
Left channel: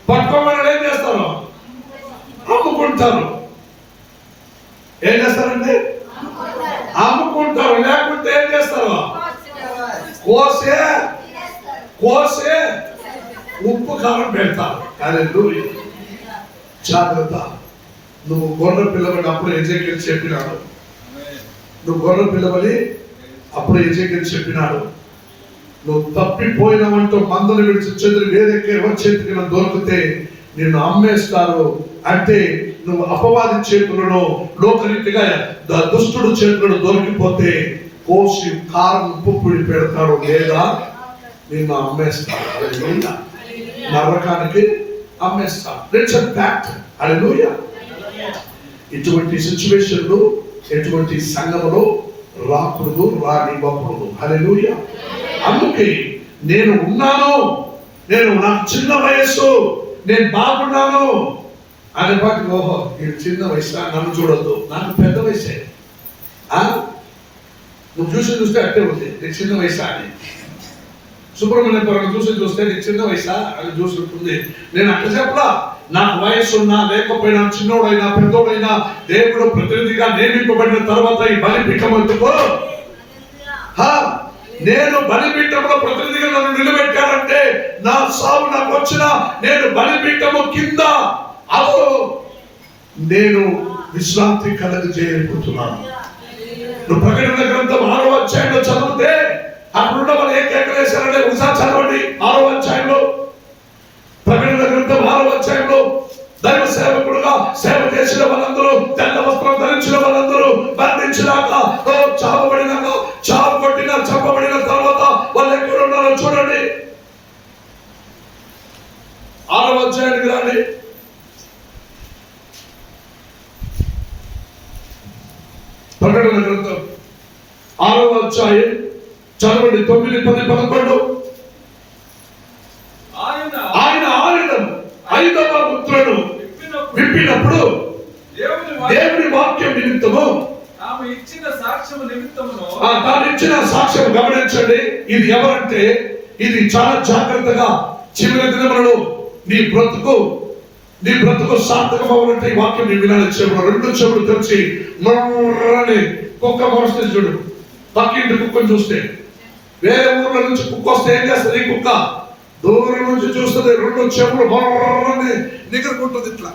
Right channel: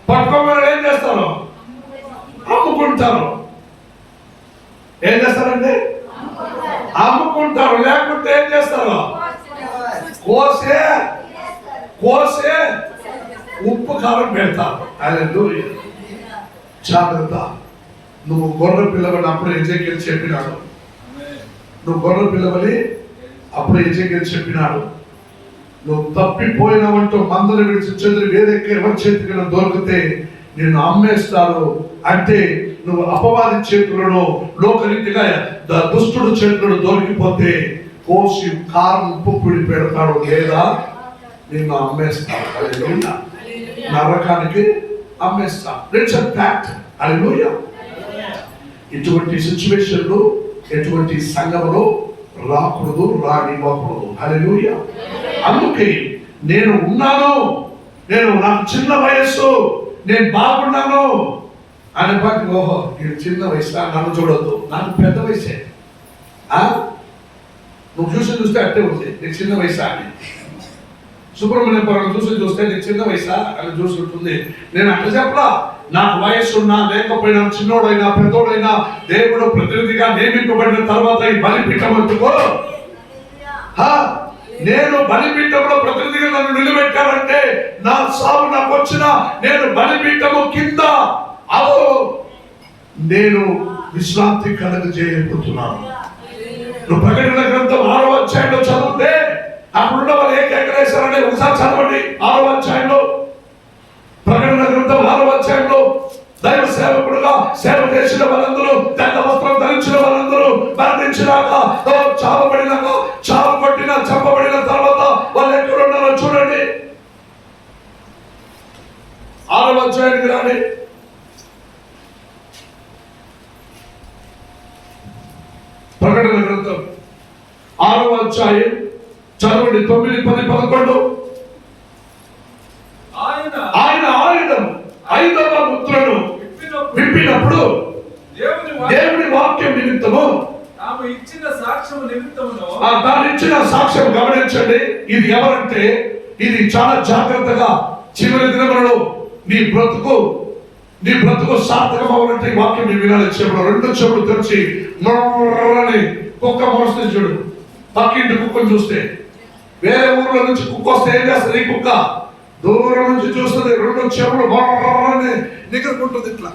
పట్టుకోమని ఏం చేస్తారు? అమ్ముకుంటారు. ఏం చేస్తారండి? అమ్ముకుంటారు. లేకుంటే ఏం చేస్తారు? కోసే ఉప్పు కారం పెడతారు. హల్లెలూయా. జాగ్రత్త. నువ్వు గొర్రె పిల్లవని అప్పుడు ఎజేకియలు చెప్పినాడు. నువ్వు గొర్రె పిల్లవని అప్పుడు ఎజేకియలు చెప్పినాడు. నువ్వు తప్పిపోయినావంటూ మందలు విడిచి చెదిరి వేరే ఎవరి చేతికి దొరికితే నిన్ను అమ్మేస్తారు. అంటే నువ్వు అపవాది చేతులను, లోకరీతిగా దుష్టుడు చేతులను దొరికిపోతే కోసి కారం ఉప్పు పొడి పెడతాడు, లేదా నిన్ను అమ్మేస్తాడు. హల్లెలూయా. నరకానికి అమ్మేస్తాడు. It's a fact. హల్లెలూయా. ఇటువంటి సిచ్యువేషన్లు ఎటువంటి సంఘములో రాకూడదు, రానివ్వకూడదు. హల్లెలూయా. అందుకే నేను ఉన్నాను, నాకు చిన్న వయస్సు, నేను బాగున్నాను అని బట్టి, ఓహో నేను చిన్న వయసు, నన్ను చూడొద్దు, నాకు పెద్ద వయసే. నువ్వు చూస్తే అట్టే ఉంది, నీకు చిన్న వయసా అని. సుబ్రహ్మణ్యపురం చూస్తే నీకు చిన్న వయసా అని చూసుకుంటుంది. నేను అట్లా చెప్పలా. నాకు వయస్సున్నా లేకపోయినా, చిన్నోడైనా పెద్దోడైనా, దేవుడు ప్రతినిధిగా నియమింపబడిన తర్వాత ఈ బలిపీఠం ఎందుకో, నేను బలిపీఠంలో ప్రతినిధిగా నన్ను నిలబెట్టాలంటే నా సాగు నాకు వచ్చినా నేను బలిపీఠము కింద అదో నేను విశ్రాంతి కలగజేయబోతున్నాను. నువ్వు ప్రకటన గ్రంథం 6వ అధ్యాయంలో చదివితే అప్పుడున్న వాళ్ళు ఏకేకలేశారంటే ఒకసారి చదవండి. 6వ అధ్యాయంలో, ప్రకటన గ్రంథం 6వ అధ్యాయంలో దైవ సేవకుడుగా సేవ చేసిన వాళ్ళందరూ, తెల్ల వస్త్రం ధరించిన వాళ్ళందరూ మరణించినాక, చావబడినాక, చంపబడిన తర్వాత వాళ్ళు ఎక్కడ ఉన్నారో చూడండి. 6వ అధ్యాయానికి రాండి. ప్రకటన గ్రంథం 6వ అధ్యాయం చదవండి. 9, 10, 11. ఆయన ఆయుధం 5వ ముద్రను విప్పినప్పుడు దేవుని వాక్యం నిమిత్తము తాను ఇచ్చిన సాక్ష్యం గమనించండి. ఇది ఎవరంటే, ఇది చాలా జాగ్రత్తగా చివరి దినములలో నీ బ్రతుకు సార్థకం అవ్వాలంటే ఈ వాక్యం నీ వినాలి. రెండు చెవులు తెరిచి నొర్రని కుక్క మరుస్తుంది చూడు. పక్కింటి కుక్కను చూస్తే, వేరే ఊర్ల నుంచి కుక్క వస్తే ఏం చేస్తుంది? ఈ కుక్క దూరం నుంచి చూస్తుంది, రెండు చెవులు బొర్రని నిగరుకుంటుంది ఇట్లా.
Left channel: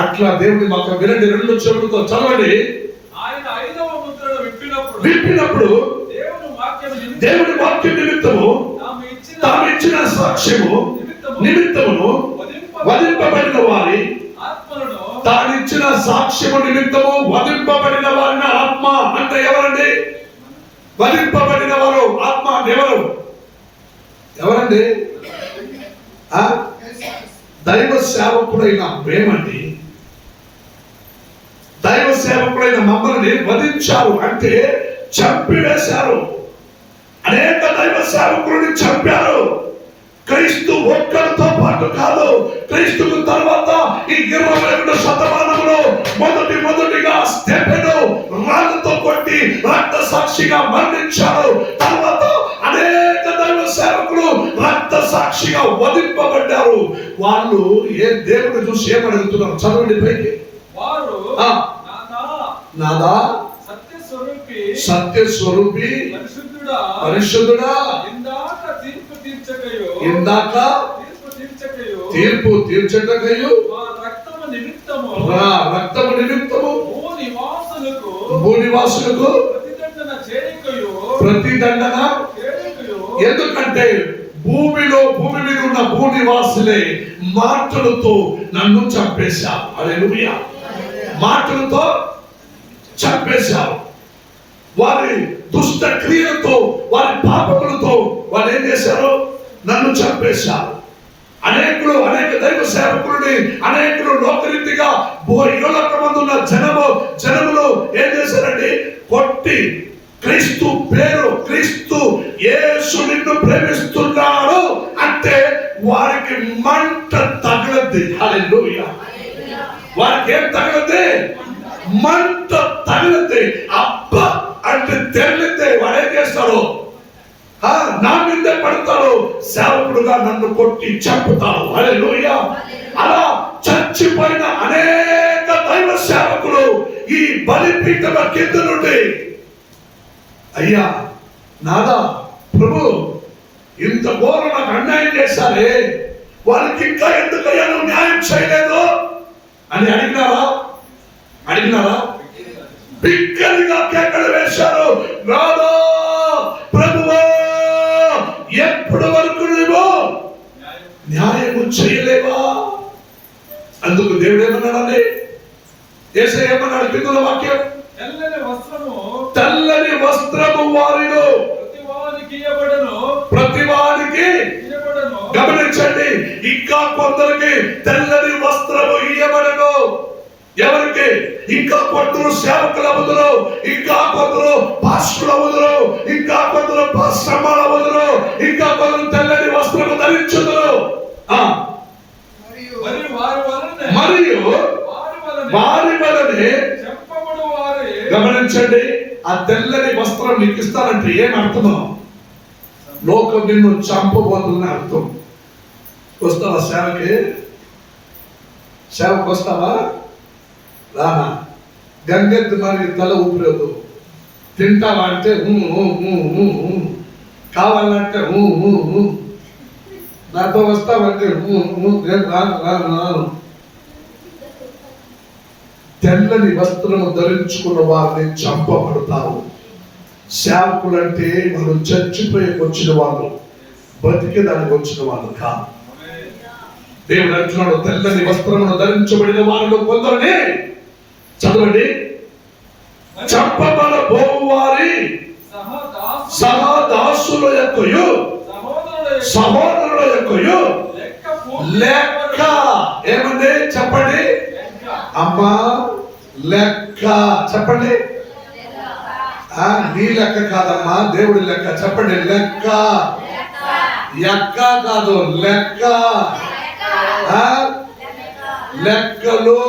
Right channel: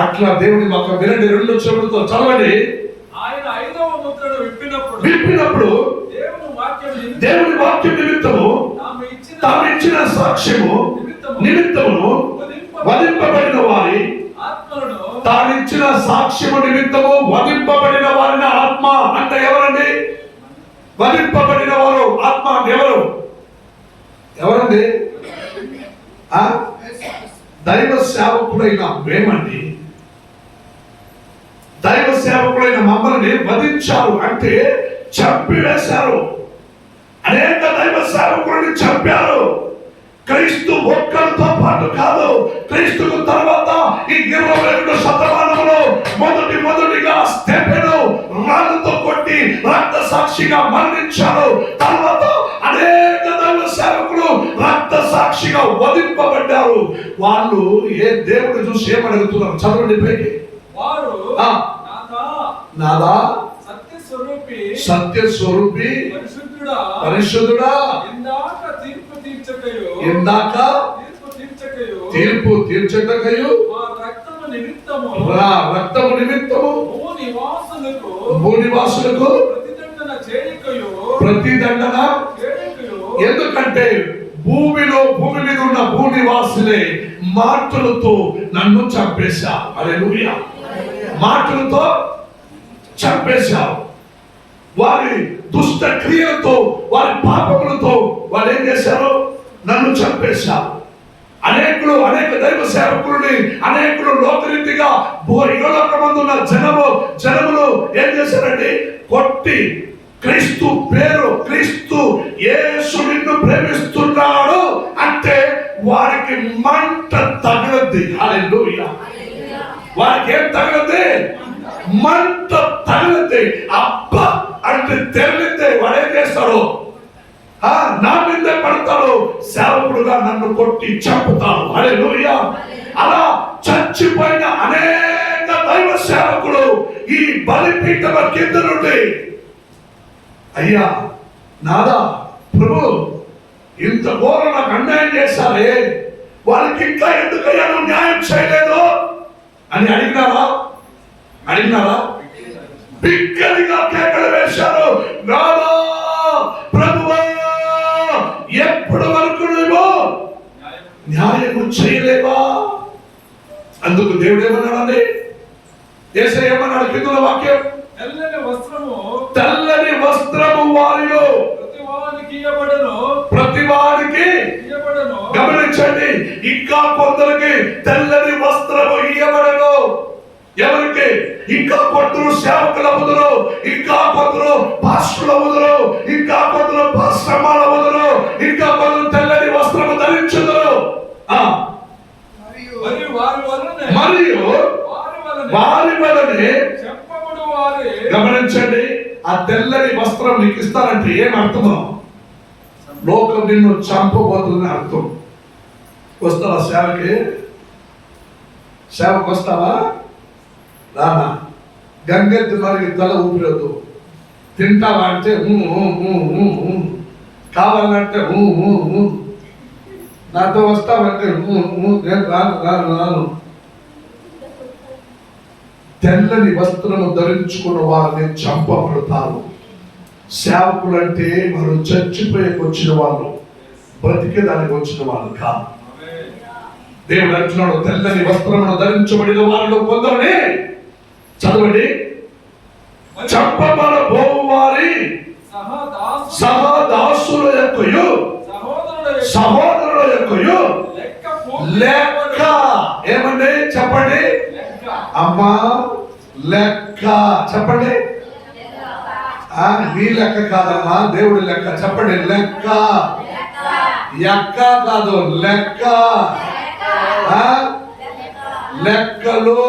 అట్లా దేవుని వాక్యం వినండి. రెండు చెవులతో చదవండి. ఆయన 5వ ముద్రను విప్పినప్పుడు దేవుని వాక్యం నిమిత్తము తాను ఇచ్చిన సాక్ష్యము నిమిత్తమును వధింపబడిన వారి ఆత్మలను, తాను ఇచ్చిన సాక్ష్యము నిమిత్తము వధింపబడిన వారిని ఆత్మ అంటే ఎవరండి? వధింపబడిన వారు ఆత్మ ఎవరండి? దైవ సేవకుడైన మేమండి. దైవ సేవకుడైన మమ్మల్ని వధించారు అంటే చంపివేశారు. అనేక దైవ సేవకుడిని చంపారు. క్రీస్తు ఒక్కరితో పాటు కాదు, క్రీస్తుకు తర్వాత ఈ 22వ శతమానంలో మొదటిగా స్టెఫెను రాళ్ళతో కొట్టి రక్త సాక్షిగా మరణించాడు. తర్వాత అనేక దైవ సేవకులు రక్త సాక్షిగా వధింపబడ్డారు. వాళ్ళు ఏ దేవుడు చూసి ఏమడుగుతున్నారు? చదవండి పైకి. వారు నాదా సత్య స్వరూపి పరిశుద్ధుడా, ఇందాక తీర్పు తీర్చటకయు రక్తము నిమిత్తము భూనివాసులకు ప్రతిదండన. ఎందుకంటే విశ్వాసులే మాటలతో నన్ను చంపేశావు. హల్లెలూయా. మాటలతో చంపేశావు. వారి దుష్ట క్రియలతో, వారి పాపములతో వాళ్ళు ఏం చేశారు? నన్ను చంపేశారు. అనేక దైవ సేవకులని, అనేకులు లోకరీతిగా యుగలోకమందున్న జనములు ఏం చేశారండి? కొట్టి క్రీస్తు పేరు, క్రీస్తు యేసు నిన్ను ప్రేమిస్తున్నాడు అంటే వారికి మంట తగలద్ది. హల్లెలూయా. వారికి ఏం తగలద్ది? మంట తగలద్ది. అబ్బా అంటే తెరలిద్ది. వాడు ఏం చేస్తారు? నా మీదే పడతారు. సేవకుడుగా నన్ను కొట్టి చంపుతారు. హల్లెలూయా. అలా చచ్చిపోయిన అనేక దైవ సేవకులు ఈ బలిపీఠం కింద నుండి, అయ్యా నాదా ప్రభు, ఇంత ఘోర నాకు అన్యాయం చేశారే, వాళ్ళకి ఇంకా ఎందుకయ్యా నువ్వు న్యాయం చేయలేదు అని అడిగినారా? బిగ్గరగా కేకలు వేశారు. నాదా ప్రభువా, ఎప్పటి వరకు నువ్వు న్యాయము చేయలేవా? అందుకు దేవుడు ఏమన్నాడండి? యేసయ్య ఏమన్నాడు? కింద వాక్యం, తెల్లని వస్త్రము వారిలో ప్రతివానికి. గమనించండి, ఇంకా కొందరికి తెల్లని వస్త్రము ఇయ్యబడను. ఎవరికి? ఇంకా కొందరు సేవకుల వదులు, ఇంకా కొందరు పాస్టర్ల వదులు, ఇంకా కొందరు పాస్టర్ల వదులు, ఇంకా కొందరు తెల్లని వస్త్రము ధరించుదురు. మరియు వారి వలనే. గమనించండి, ఆ తెల్లని వస్త్రం నీకు ఇస్తానంటే ఏం అర్థమో? లోకం నిన్ను చంపబోతుందని అర్థం. వస్తావా సేవకి వస్తావా? రానా? గంగెత్తి మరి తల ఊపిరదు. తింటావా అంటే కావాలంటే నాతో వస్తావంటే నేను రాను. తెల్లని వస్త్రము ధరించుకున్న వారిని చంపబడతారు. సేవకులు అంటే వారు చచ్చిపోయేకి వచ్చిన వాళ్ళు, బ్రతికేదానికి వచ్చిన వాళ్ళు కాదు. దేవుడు అంటున్నాడు, తెల్లని వస్త్రమును ధరించబడిన వారిలో కొందరిని, చదవండి, చంపబడబోవు వారి సహదాసుల యొక్కయు సహోదరుల యొక్కయు లెక్క. ఏమండి? చెప్పండి అమ్మా. లెక్క చెప్పండి. నీ లెక్క కాదమ్మా, దేవుడి లెక్క. చెప్పండి లెక్క. ఎక్క కాదు, లెక్క. లెక్కలు.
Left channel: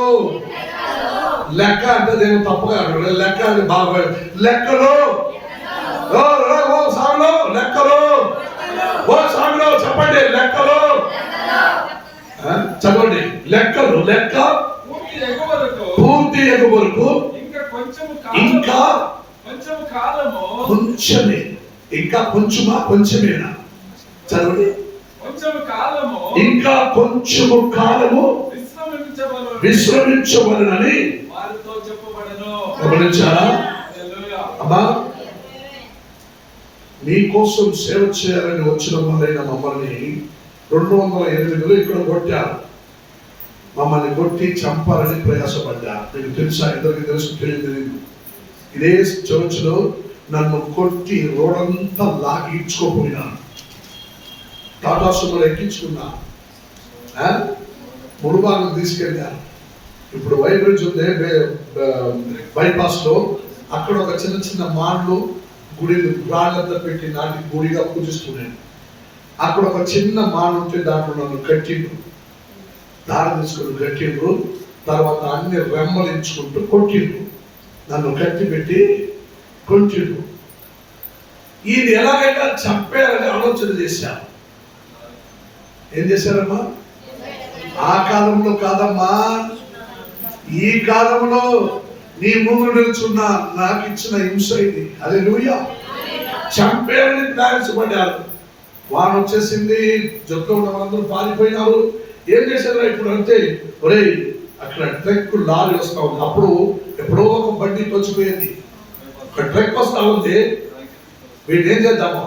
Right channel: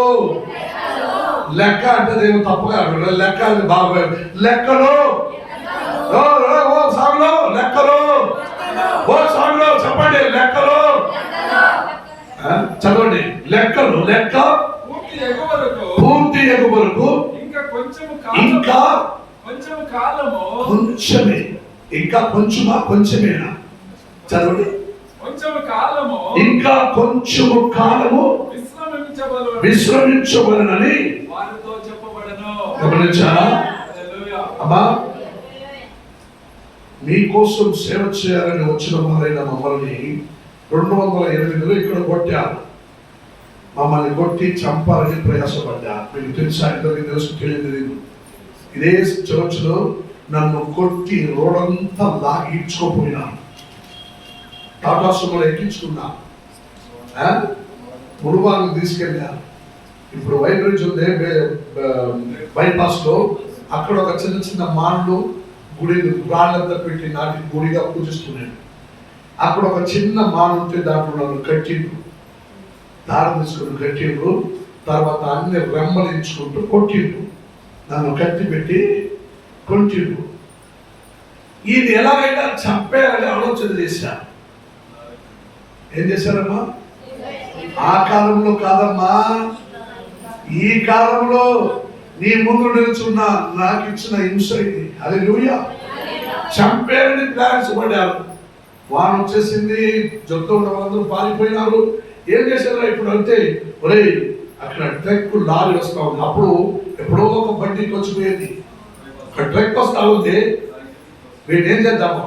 లెక్క అంటే దేవుడు తప్పుగా లెక్క బాగా. లెక్కలు. సాగులో లెక్కలు. సాగులో చెప్పండి లెక్కలు. చదవండి లెక్కలు. లెక్క పూర్తి ఎగు వరకు ఇంకా కొంచెమే. ఇంకా కొంచెమా? కొంచెమేనా? చదవండి. ఇంకా కొంచెము కాలము విశ్రమించబడనని గమనించారా? అమ్మా, మీకోసం సేవ చేయాలని వచ్చిన వారైన మమ్మల్ని 208 ఇక్కడ కొట్టారు. మమ్మల్ని కొట్టి చంపాలని ప్రయాసపడ్డారు. మీకు తెలుసా? ఇద్దరికి తెలుసు, తెలియదు. ఇదే చర్చ్లో నన్ను కొట్టి రోడంతా లాగి ఇచ్చుకోపోయినాను. టాటా సుమోలో ఎక్కించుకున్నా, ముడుబాగు తీసుకెళ్ళా. ఇప్పుడు వైట్ బ్రిడ్జ్ ఉంది బైపాస్ లో, అక్కడ ఒక చిన్న మాన్లు గుడి రాళ్ళంతా పెట్టి నాటి గుడిగా పూజిస్తున్నాను. అక్కడ ఒక చిన్న మాన్ ఉంటే దాంట్లో నన్ను కట్టిండ్రు, దారి తీసుకుని కట్టిండ్రు. తర్వాత అన్ని రెమ్మలించుకుంటూ కొట్టిండ్రు, నన్ను కత్తి పెట్టి కొట్టిండ్రు. ఈయన ఎలాగైనా చంపేయాలని ఆలోచన చేశారు. ఏం చేశారమ్మా? ఆ కాలంలో కాదమ్మా, ఈ కాలంలో నీ ముందు నిలుచున్న నాకు ఇచ్చిన హింస ఇది. హల్లెలూయా. చంపేయాలని ప్లాన్స్ పడ్డారు. వారు వచ్చేసింది, జట్టు ఉన్న వాళ్ళందరూ పారిపోయినారు. ఏం చేశారు ఇప్పుడు అంటే, ఒరే అక్కడ ట్రక్ లారీ వస్తా ఉంది. అప్పుడు ఎప్పుడో ఒక బండి వచ్చిపోయేది, ఒక ట్రక్ వస్తా ఉంది. వీళ్ళు ఏం చేద్దాము?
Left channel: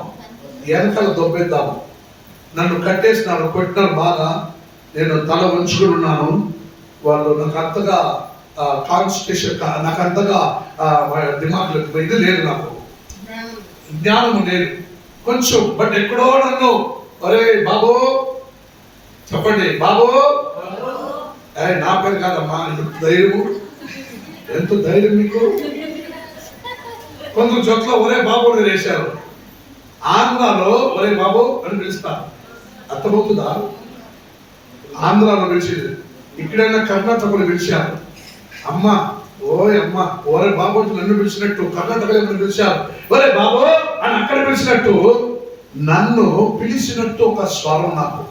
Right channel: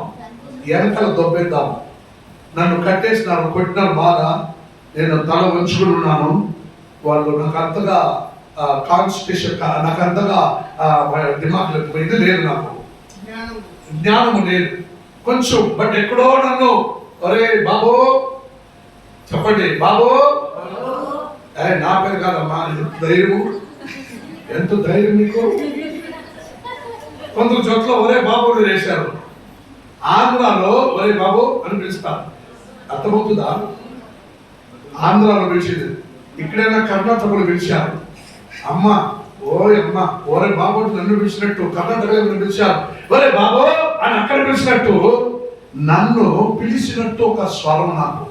వెనకాల దొబ్బేద్దాము. నన్ను కట్టేసినారు, కొట్టినారు బాగా. నేను తల వంచుకుని ఉన్నాను. వాళ్ళు నాకు అంతగా కాన్స్టిట్యూషన్, నాకు అంతగా దిమాగ్ ఇది లేదు, నాకు జ్ఞానము లేదు కొంచెం. బట్ ఎక్కడో నన్ను, అరే బాబు చెప్పండి బాబు, అరే నా పేరు కాదమ్మా, ధైర్యము, ఎంత ధైర్యం మీకు. కొందరు చోట్ల ఒరే బాబు అని వేశారు. ఆంధ్రాలో ఒరే బాబు అని పిలుస్తారు, అర్థమవుతుందా? ఆంధ్రాలో పిలిచేది. ఇక్కడైనా కర్ణాటకలో పిలిచారు అమ్మ, ఓయ్ అమ్మ, ఓరే బాబు నన్ను పిలిచినట్టు కర్ణాటకలో ఎవరు పిలిచారు ఒరే బాబు అని అక్కడ పిలిచినట్టు నన్ను పిలిచినట్టు ఒక స్వరం నాకు,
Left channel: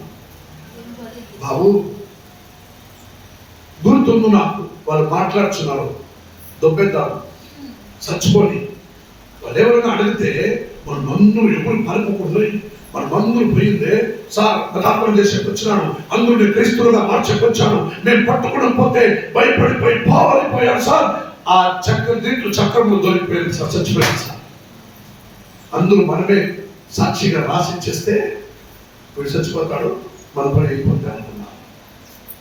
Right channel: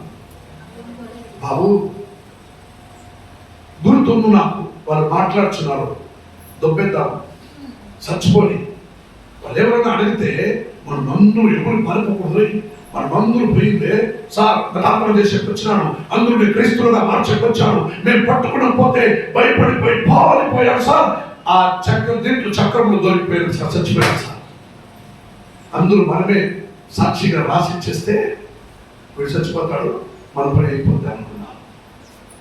బాబు గుర్తుంది నాకు. వాళ్ళు మాట్లాడుతున్నారు, దొబ్బేద్దాం చచ్చిపోని. వాళ్ళు ఎవరైనా అడిగితే మనమందరూ ఎవరు పారిపోకూడదు, మనమందరూ పోయిందే సార్ ప్రార్థన చేసేకి వచ్చినాను, అందరూ క్రైస్తవులుగా మార్చేకి వచ్చాను, మేము పట్టుకుని పోతే భయపడిపోయి పారిపోయారు సార్, ఆ దీంట్లో చక్రంలో దొరికిపోయారు సార్, చచ్చిపోయారు సార్. అందరూ మనమే సాక్షిగా రాసిచ్చేస్తే వీడు చచ్చిపోతాడు, మన పని అయిపోతే అనుకున్నాను.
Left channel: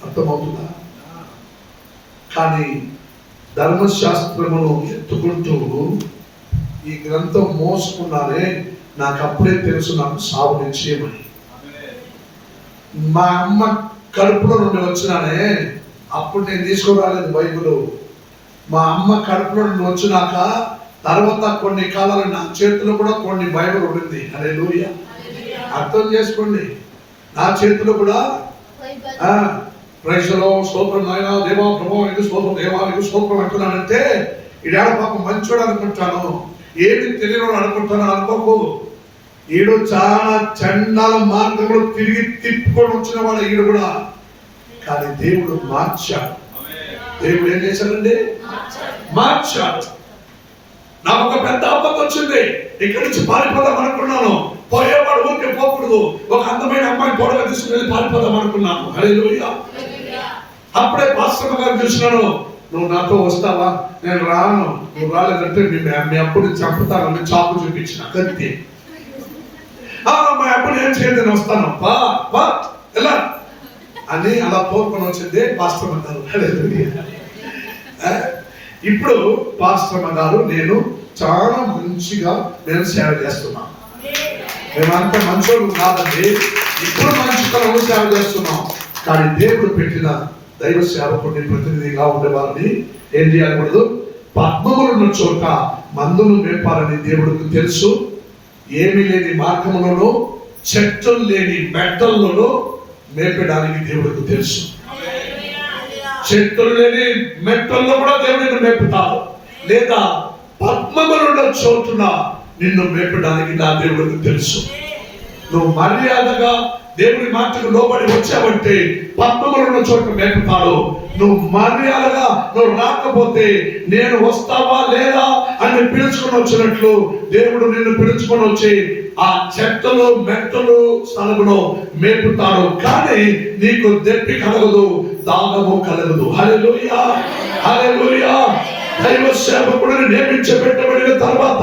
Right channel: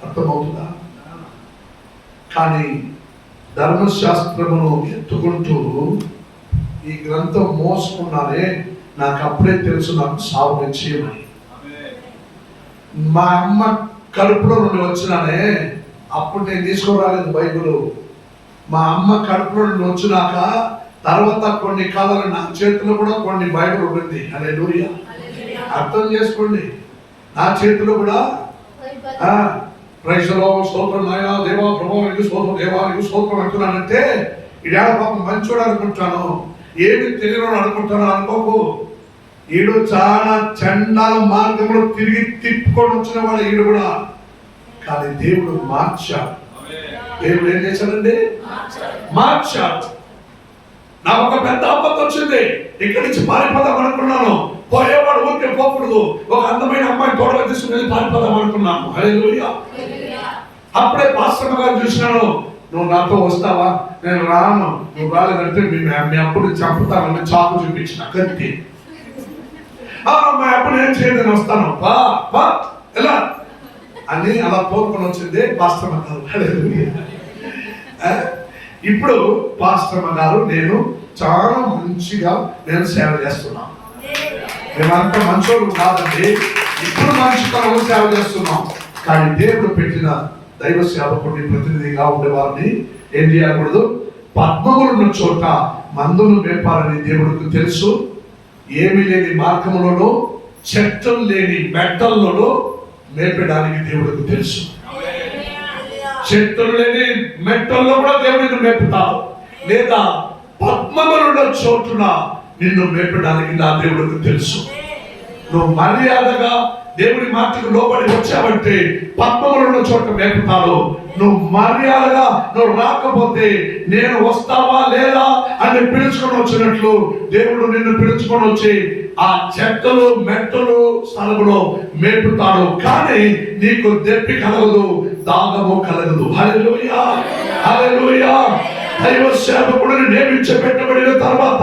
అర్థమవుతుందా? కానీ ధర్మశాస్త్రమును ఎత్తుకుంటూ ఈ గ్రంథం మోసుకున్నానే, నాకు అప్పుడే తెలుసు నాకు సావు నిశ్చయమని. మా అమ్మ కడుపులో నుండి వచ్చినానే, అప్పుడు నేను తీసుకురాలేదు బైబిల్. మా అమ్మ కడుపులో నుండి వచ్చినాక తర్వాత కొన్ని కాలాలు నా చేతిలో కూడా కొన్ని బైబిల్ ఉంటుంది. హల్లెలూయా, అర్థం చేసుకోండి. నా చేతిలో కూడా ప్రైజ్లో స్తోత్రం నాయన దేవా ప్రభావం ఇది స్తోత్రం దేవా ఇది స్తోత్రం అంటున్నానంటే ఈడేడ పాపం మంచోడు అనుకుంటాను, ఏమి తెలియని అనుకుంటాను అనుకోకు. ఈడు చాలా చండాల మార్గంలో తిరిగి తిప్పుకొని వచ్చిన వాడు ఈడు కూడా. కానీ దేవుడు మార్చాడు. దేవుడు ఏం చేశాడండి? మార్చాడు. నాకు ఒక పెద్ద ఆపత్తు వచ్చింది, ఇక్కడి నుంచి పారిపోదాం అనుకున్నాను. పోయేవాడు ఊరికే పోకూడదు, ఒక అందమైన అమ్మాయి తోడగా తీసుకుని వెళ్ళి పారిపోదాం అనుకున్నాను. హల్లెలూయా. అప్పుడే పాస్టర్ గారు చూసినాను, నువ్వు నాతో వస్తావా? నేను రాను, నువ్వు రాలేదంటే మీ అప్పుడు చంపుతానని చాకు చూపించిన కత్తి. మా అప్పుడు ఏం చేయదు, నేను వస్తాను బా ఎలా అని అలా తోడుకొని వచ్చింది పాస్టర్ గారు. హల్లెలూయా. ఇప్పుడు పాస్టర్ గారు నేను చాలా మంచిగా నేను సేవ చేస్తున్నాను. మేమంతా మంచోళ్ళు కాదండి, ఇప్పుడు మంచితనం సేవ చేస్తున్నాం. కానీ దేవుడు పెట్టిన దైవ సేవకుడిని ప్రతినిధిగా ఉండేవారిని ఏం చేయకూడదు? పద్మములున్న చోట మందును మేపాలని దేవుడికి తెలుసు. ఏమి లేని మార్గములను, చెట్టులు లేని మెట్టల్లోనూ మేపడానికి దేవుడికి తెలుసు. చెట్టులు లేని మెట్టల్లో కూడా దేవుడిని మేపుతావు, లేదా పద్మములున్న చోటున నిన్ను మేపడానికి నా దేవుడికి తెలుసు. నువ్వు మర్యాదగా దేవుడి మాటకు లోబడి వచ్చావంటే పద్మములున్న చోట మేపుతాడు. నువ్వు మర్యాదగా నువ్వు రాకపోతే నేను వస్తావా లేదా అని పిలుచుకొని వచ్చినట్లు దేవుడు నిన్ను పిలుచుకొని వచ్చి ఆ చెట్టలు మెట్టలు స్థలములో మేపుతాడు. కానీ నీకు దెప్పి కలగదు, దాగము కలగదు. హల్లెలూయా, హల్లెలూయా. దైవ సేవకుడిని నియమించబెట్టబడిన తర్వాత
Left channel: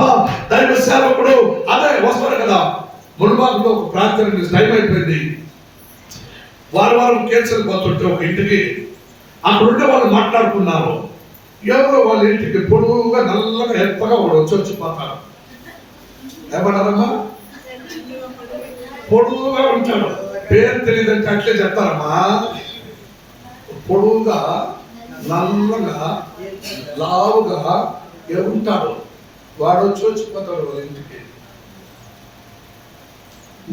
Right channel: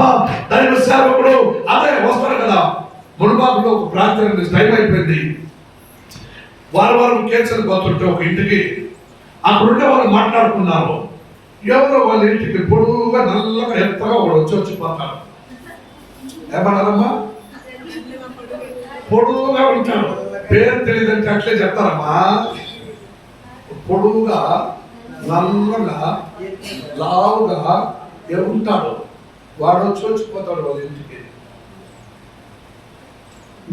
దైవ సేవకుడు అదే వస్తారు కదా. మునుబాబులో ఒక ప్రార్థన టైం అయిపోయింది, వారు కేసులు పోతుంటే ఒక ఇంటికి అక్కడ ఉండే వాళ్ళు మాట్లాడుకున్నారు. ఎవరో వాళ్ళ ఇంటికి పొడుగుగా నల్లగా ఎత్తగా వచ్చిపోతారు. ఏమన్నారమ్మా? పొడుగుగా ఉంటాడు, పేరు తెలియదంటే అట్లే చెప్తారమ్మా. పొడుగుగా నల్లగా లావుగా ఉంటాడు, వాడు వచ్చిపోతాడు వాళ్ళ ఇంటికి.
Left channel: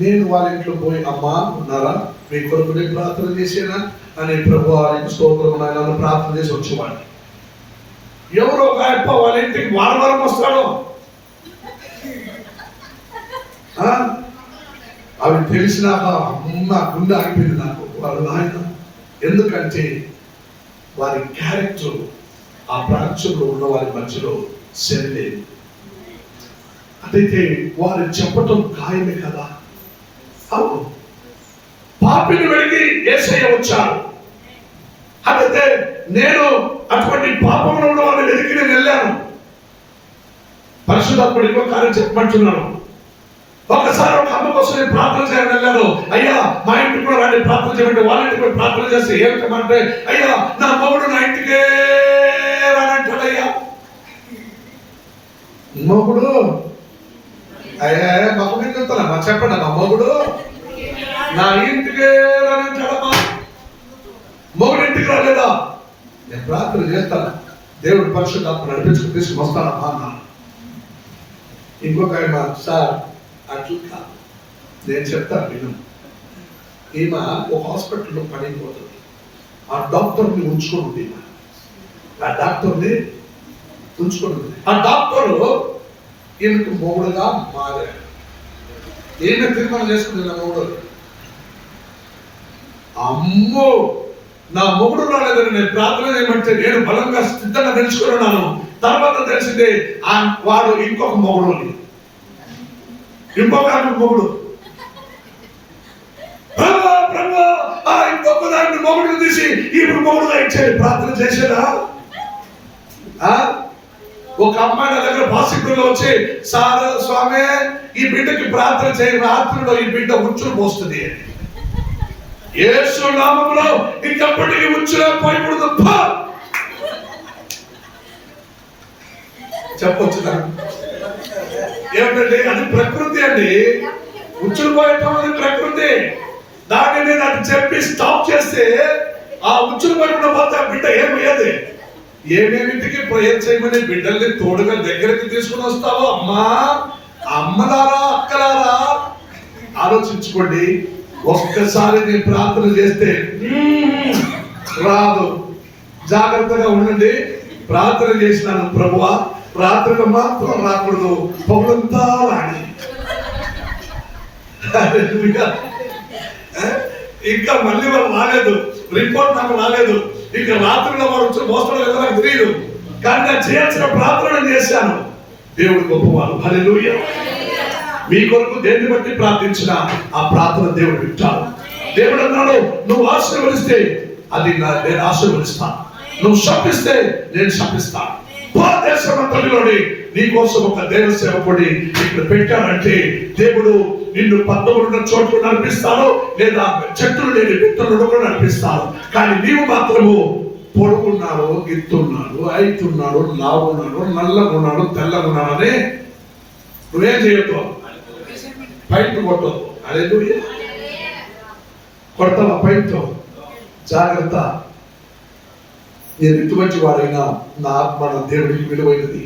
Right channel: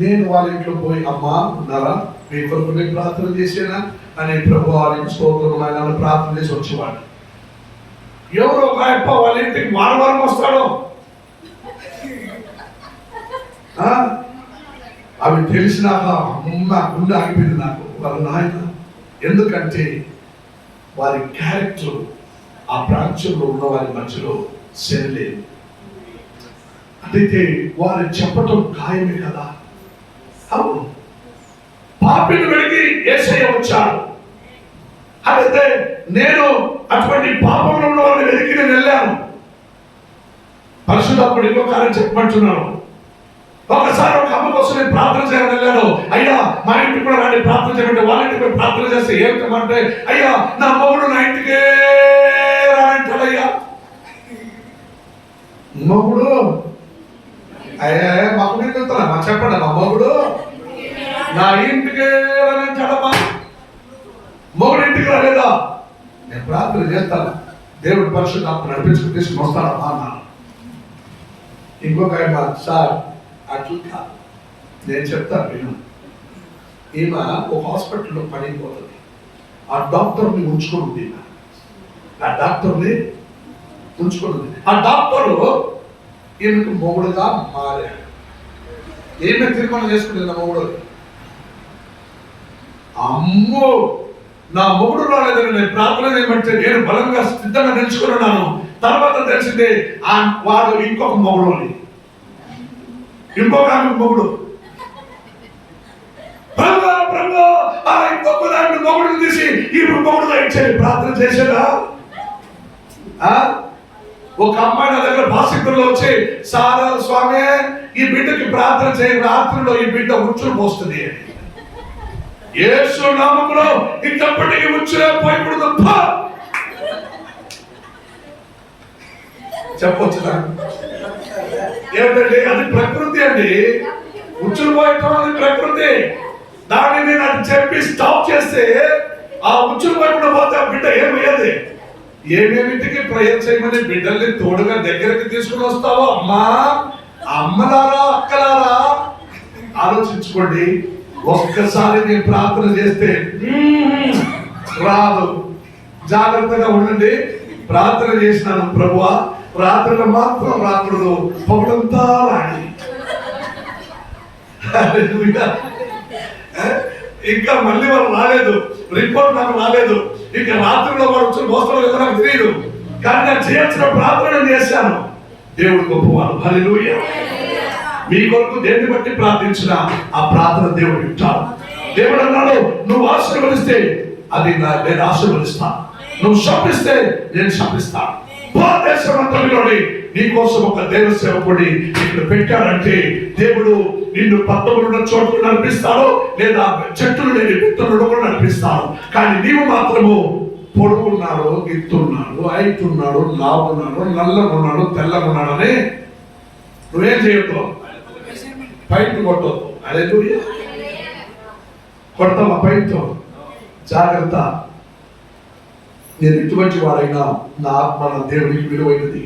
నేను వాళ్ళ ఇంట్లో పోయి అమ్మా ఉన్నారా, మీ కొరకు నేను ప్రార్థన చేసేనా అని ప్రభు వారికి స్తోత్రం నాయన ప్రార్థన చేసి వచ్చేవాడు. ఎవరో ఒక అప్ప వాళ్ళ ఇంటికి వారం వస్తాడు. అవి తెలిసినాక అమ్మ గుండె ఆగిపోయింది నాకు. వాళ్ళ నాయన, ఎందుకంటే వారి క్యారెక్టర్ ఆ ప్రాంతంలో ఉన్న వారి మధ్యలో సరిలేదు. అదైతే వారు చెప్పటం ఖాయమే కదా. అవును, పాపిని వెలిగి యేసయ్య వచ్చాడు. అదైతే నేను అటువంటి పాపంలో ఉన్న వారిని వెలికి నేను వెళ్ళాను. పరిశుద్ధాత్ముడు ఇంకో కార్యం చెప్పమంటున్నాను. ఒకసారి ఒక అమ్మ కోసం నేను ప్రార్థన చేయాలని వెళ్ళాను. అయ్యా మా ఇంటికి కూడా రాండి ప్రార్థన చేయండి. వాళ్ళ ఇంటికి కూడా ప్రార్థన చేస్తే ఏమిటంటే, అయ్యా నా మొగుడు నా ఇంటికే రానంటాడయ్యా. మొగుడు అయ్యా మాకు మీద చెప్పండి, మా మొగుడు నా ఇంటికే రానంటాడమ్మా. మొగుడు ఇంటికి రాలేదా? నేను ప్రార్థన చేస్తాను, దేవుడి పరిశుద్ధాత్మ నడిపించుకుని తీసుకుని వస్తానమ్మా అన్నాను. ఇంకొక ఆయన, సార్ అట్లా కాదు, నేను చెప్తాను విను. ఈమె ఒక హాస్పిటల్లో పనిపోతుంది. ఆ డాక్టర్ని ఉంచుకుంటుంది. ఆ డాక్టర్ని ఉంచుకుంటుంది. ఆ డాక్టరు ఈమెకు మొగుడుగా మారాడు. ఈమె తీర్మానం చేసుకుంటుంది, నా మొగుడు. అమ్మో నా మొగుడు రాలేదని నేను ప్రార్థన చేయమంటే నేను బలంగా సిద్ధంగా నిలుచుకున్నాను. తర్వాత తెలిసిందే వాడు ఇంకొక మొగుడు అని, ఇంకొక మొగుడు. ఇంకొక దాన్ని మొగుడుని తీసి ఇప్పుడు మొగుడుగా ఇచ్చేది. ప్రార్థన చేసేదా? ఒక అమ్మాయి నా దగ్గర భాషికుల్లో వచ్చి, సారా స్వామి ఈ బిడ్డకి ప్రార్థన చేయి, రాత్రిలో ఈ బిడ్డ ఉచ్చులు పోస్తుంది. యేసు నామములో ఇంకెప్పటికీ ఉచ్చులే పోయకూడదు. చెప్పొచ్చు ఏమిటండి? అది ప్రకృతి అండి. ఉచ్చులు పోయటం అది ప్రకృతి. దాన్ని నేను అది చెప్పి స్టాప్ చేస్తే ఆ ఉచ్చులు పోయకుండా పోతే ఆ బిడ్డ ఏమయ్యేది? ఏమేమిటికి ప్రేయర్ చేయమని బిడ్డల్ని తోడుగా దగ్గరికి తీసుకుని వస్తావో అమ్మా, అమ్మలారా అక్కలారా ఆలోచించుకోండి. ఒక్కసారి నేను ప్రార్థన చేస్తే రాదు. జాగ్రత్తగా ఉండండి. ప్రార్థన చేసినాను, ప్రభువా రాత్రిలో మాత్రం రాకూడదు, పగులంతా రాని. ఇంకా మళ్ళీ వాళ్ళు రాలేదు, రిపోర్ట్ నాకు రాలేదు. ఇంకా రాత్రిలో వాడు వచ్చి మోస్తాడో లేదో నాకు తెలియదు, కానీ నేను చేయాల్సిన ప్రార్థన చేశాను. దేవుడు గొప్పవాడు. హల్లెలూయా. మీ కొరకు దేన్ని బట్టి ప్రార్థించినా ఆ ప్రార్థన దేవుడు వింటాడు. దేవుడు అన్నాడు, నువ్వు ఆశీర్వదిస్తే అది నేను ఆశీర్వదిస్తాను, నువ్వు శపిస్తే నేను శపిస్తాను. దేశమంతటిలోని నీ కోసం ఒక దేవ సేవకుడి ఇక్కడ పెట్టాడంటే దేవుడు నిన్ను 11 చోట్ల నడిపిస్తాను, లేదా చెట్టులు లేని విత్తనుడు కూడా నడిపిస్తాను. కానీ నీవు మాత్రము పొడుగున్నాడు, ఎత్తున్నాడు, ఐతున్నాడు, లావున్నాడు, నల్లగున్నాడు, తెల్లగున్నాడని నువ్వేం చేయొద్దు, పైట్ కొట్టదు. హల్లెలూయా. కొడతావా పైట్? జాగ్రత్త. నేను ఇటువంటి వారైనా నా ఆత్మ నా దేవుడికి విలువైనది.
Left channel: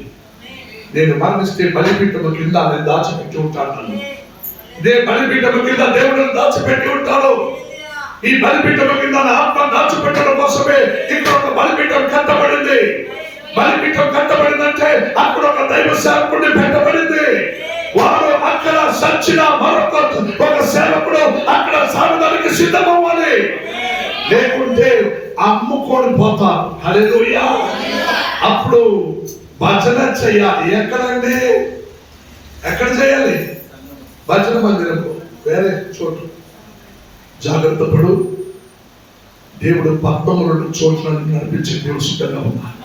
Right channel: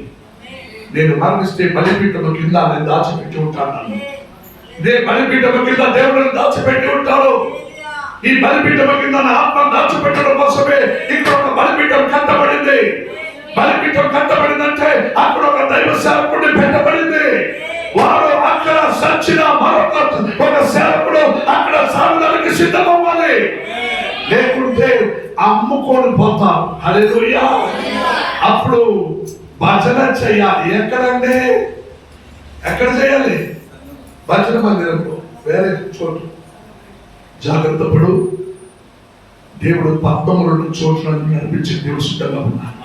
నేను మరణిస్తే బలిపీఠము కింద నేను దాచిపెట్టి ఉంటాను. ఇదే బలిపీఠము కింద దేవుడిని దాచిపెట్టి ఉంటాడు. ఈ బలిపీఠము కింద నా ఆత్మ దాచిపెట్టడం కోసమే ఇంకొక బలిపీఠం కట్టబడింది. బలిపీఠం కట్టబడిందంటే అక్కడ ఒక దైవ సేవకుడిని పెట్టబడింది. వారు అక్కడ సచ్చిన మరొక ఒక సేవకుడు అక్కడ సాగడానికి సిద్ధమవ్వాలి, లేకుంటే అమ్ముకొని పోతాం. హల్లెలూయా. అప్పుడు భజన చేయాలి. ఎక్కడండి? ఎక్కడ చేయాలి? భజన మందిరంలో, వేరే చోటు. జాగ్రత్త పడు. దేవుడు 12 చోట్లను నడిపించి దేవుడు సిద్ధంగా ఉన్నాడు.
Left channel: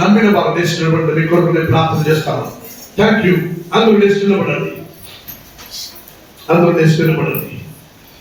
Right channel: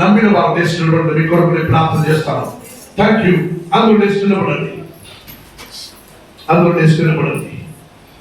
నమ్మిన వారు లేచి నిలబడండి. మీ కొరకు నేను ప్రార్థన చేస్తాను. Thank you. అందరూ లేచి నిలబడండి. అందరూ లేచి నిలబడండి.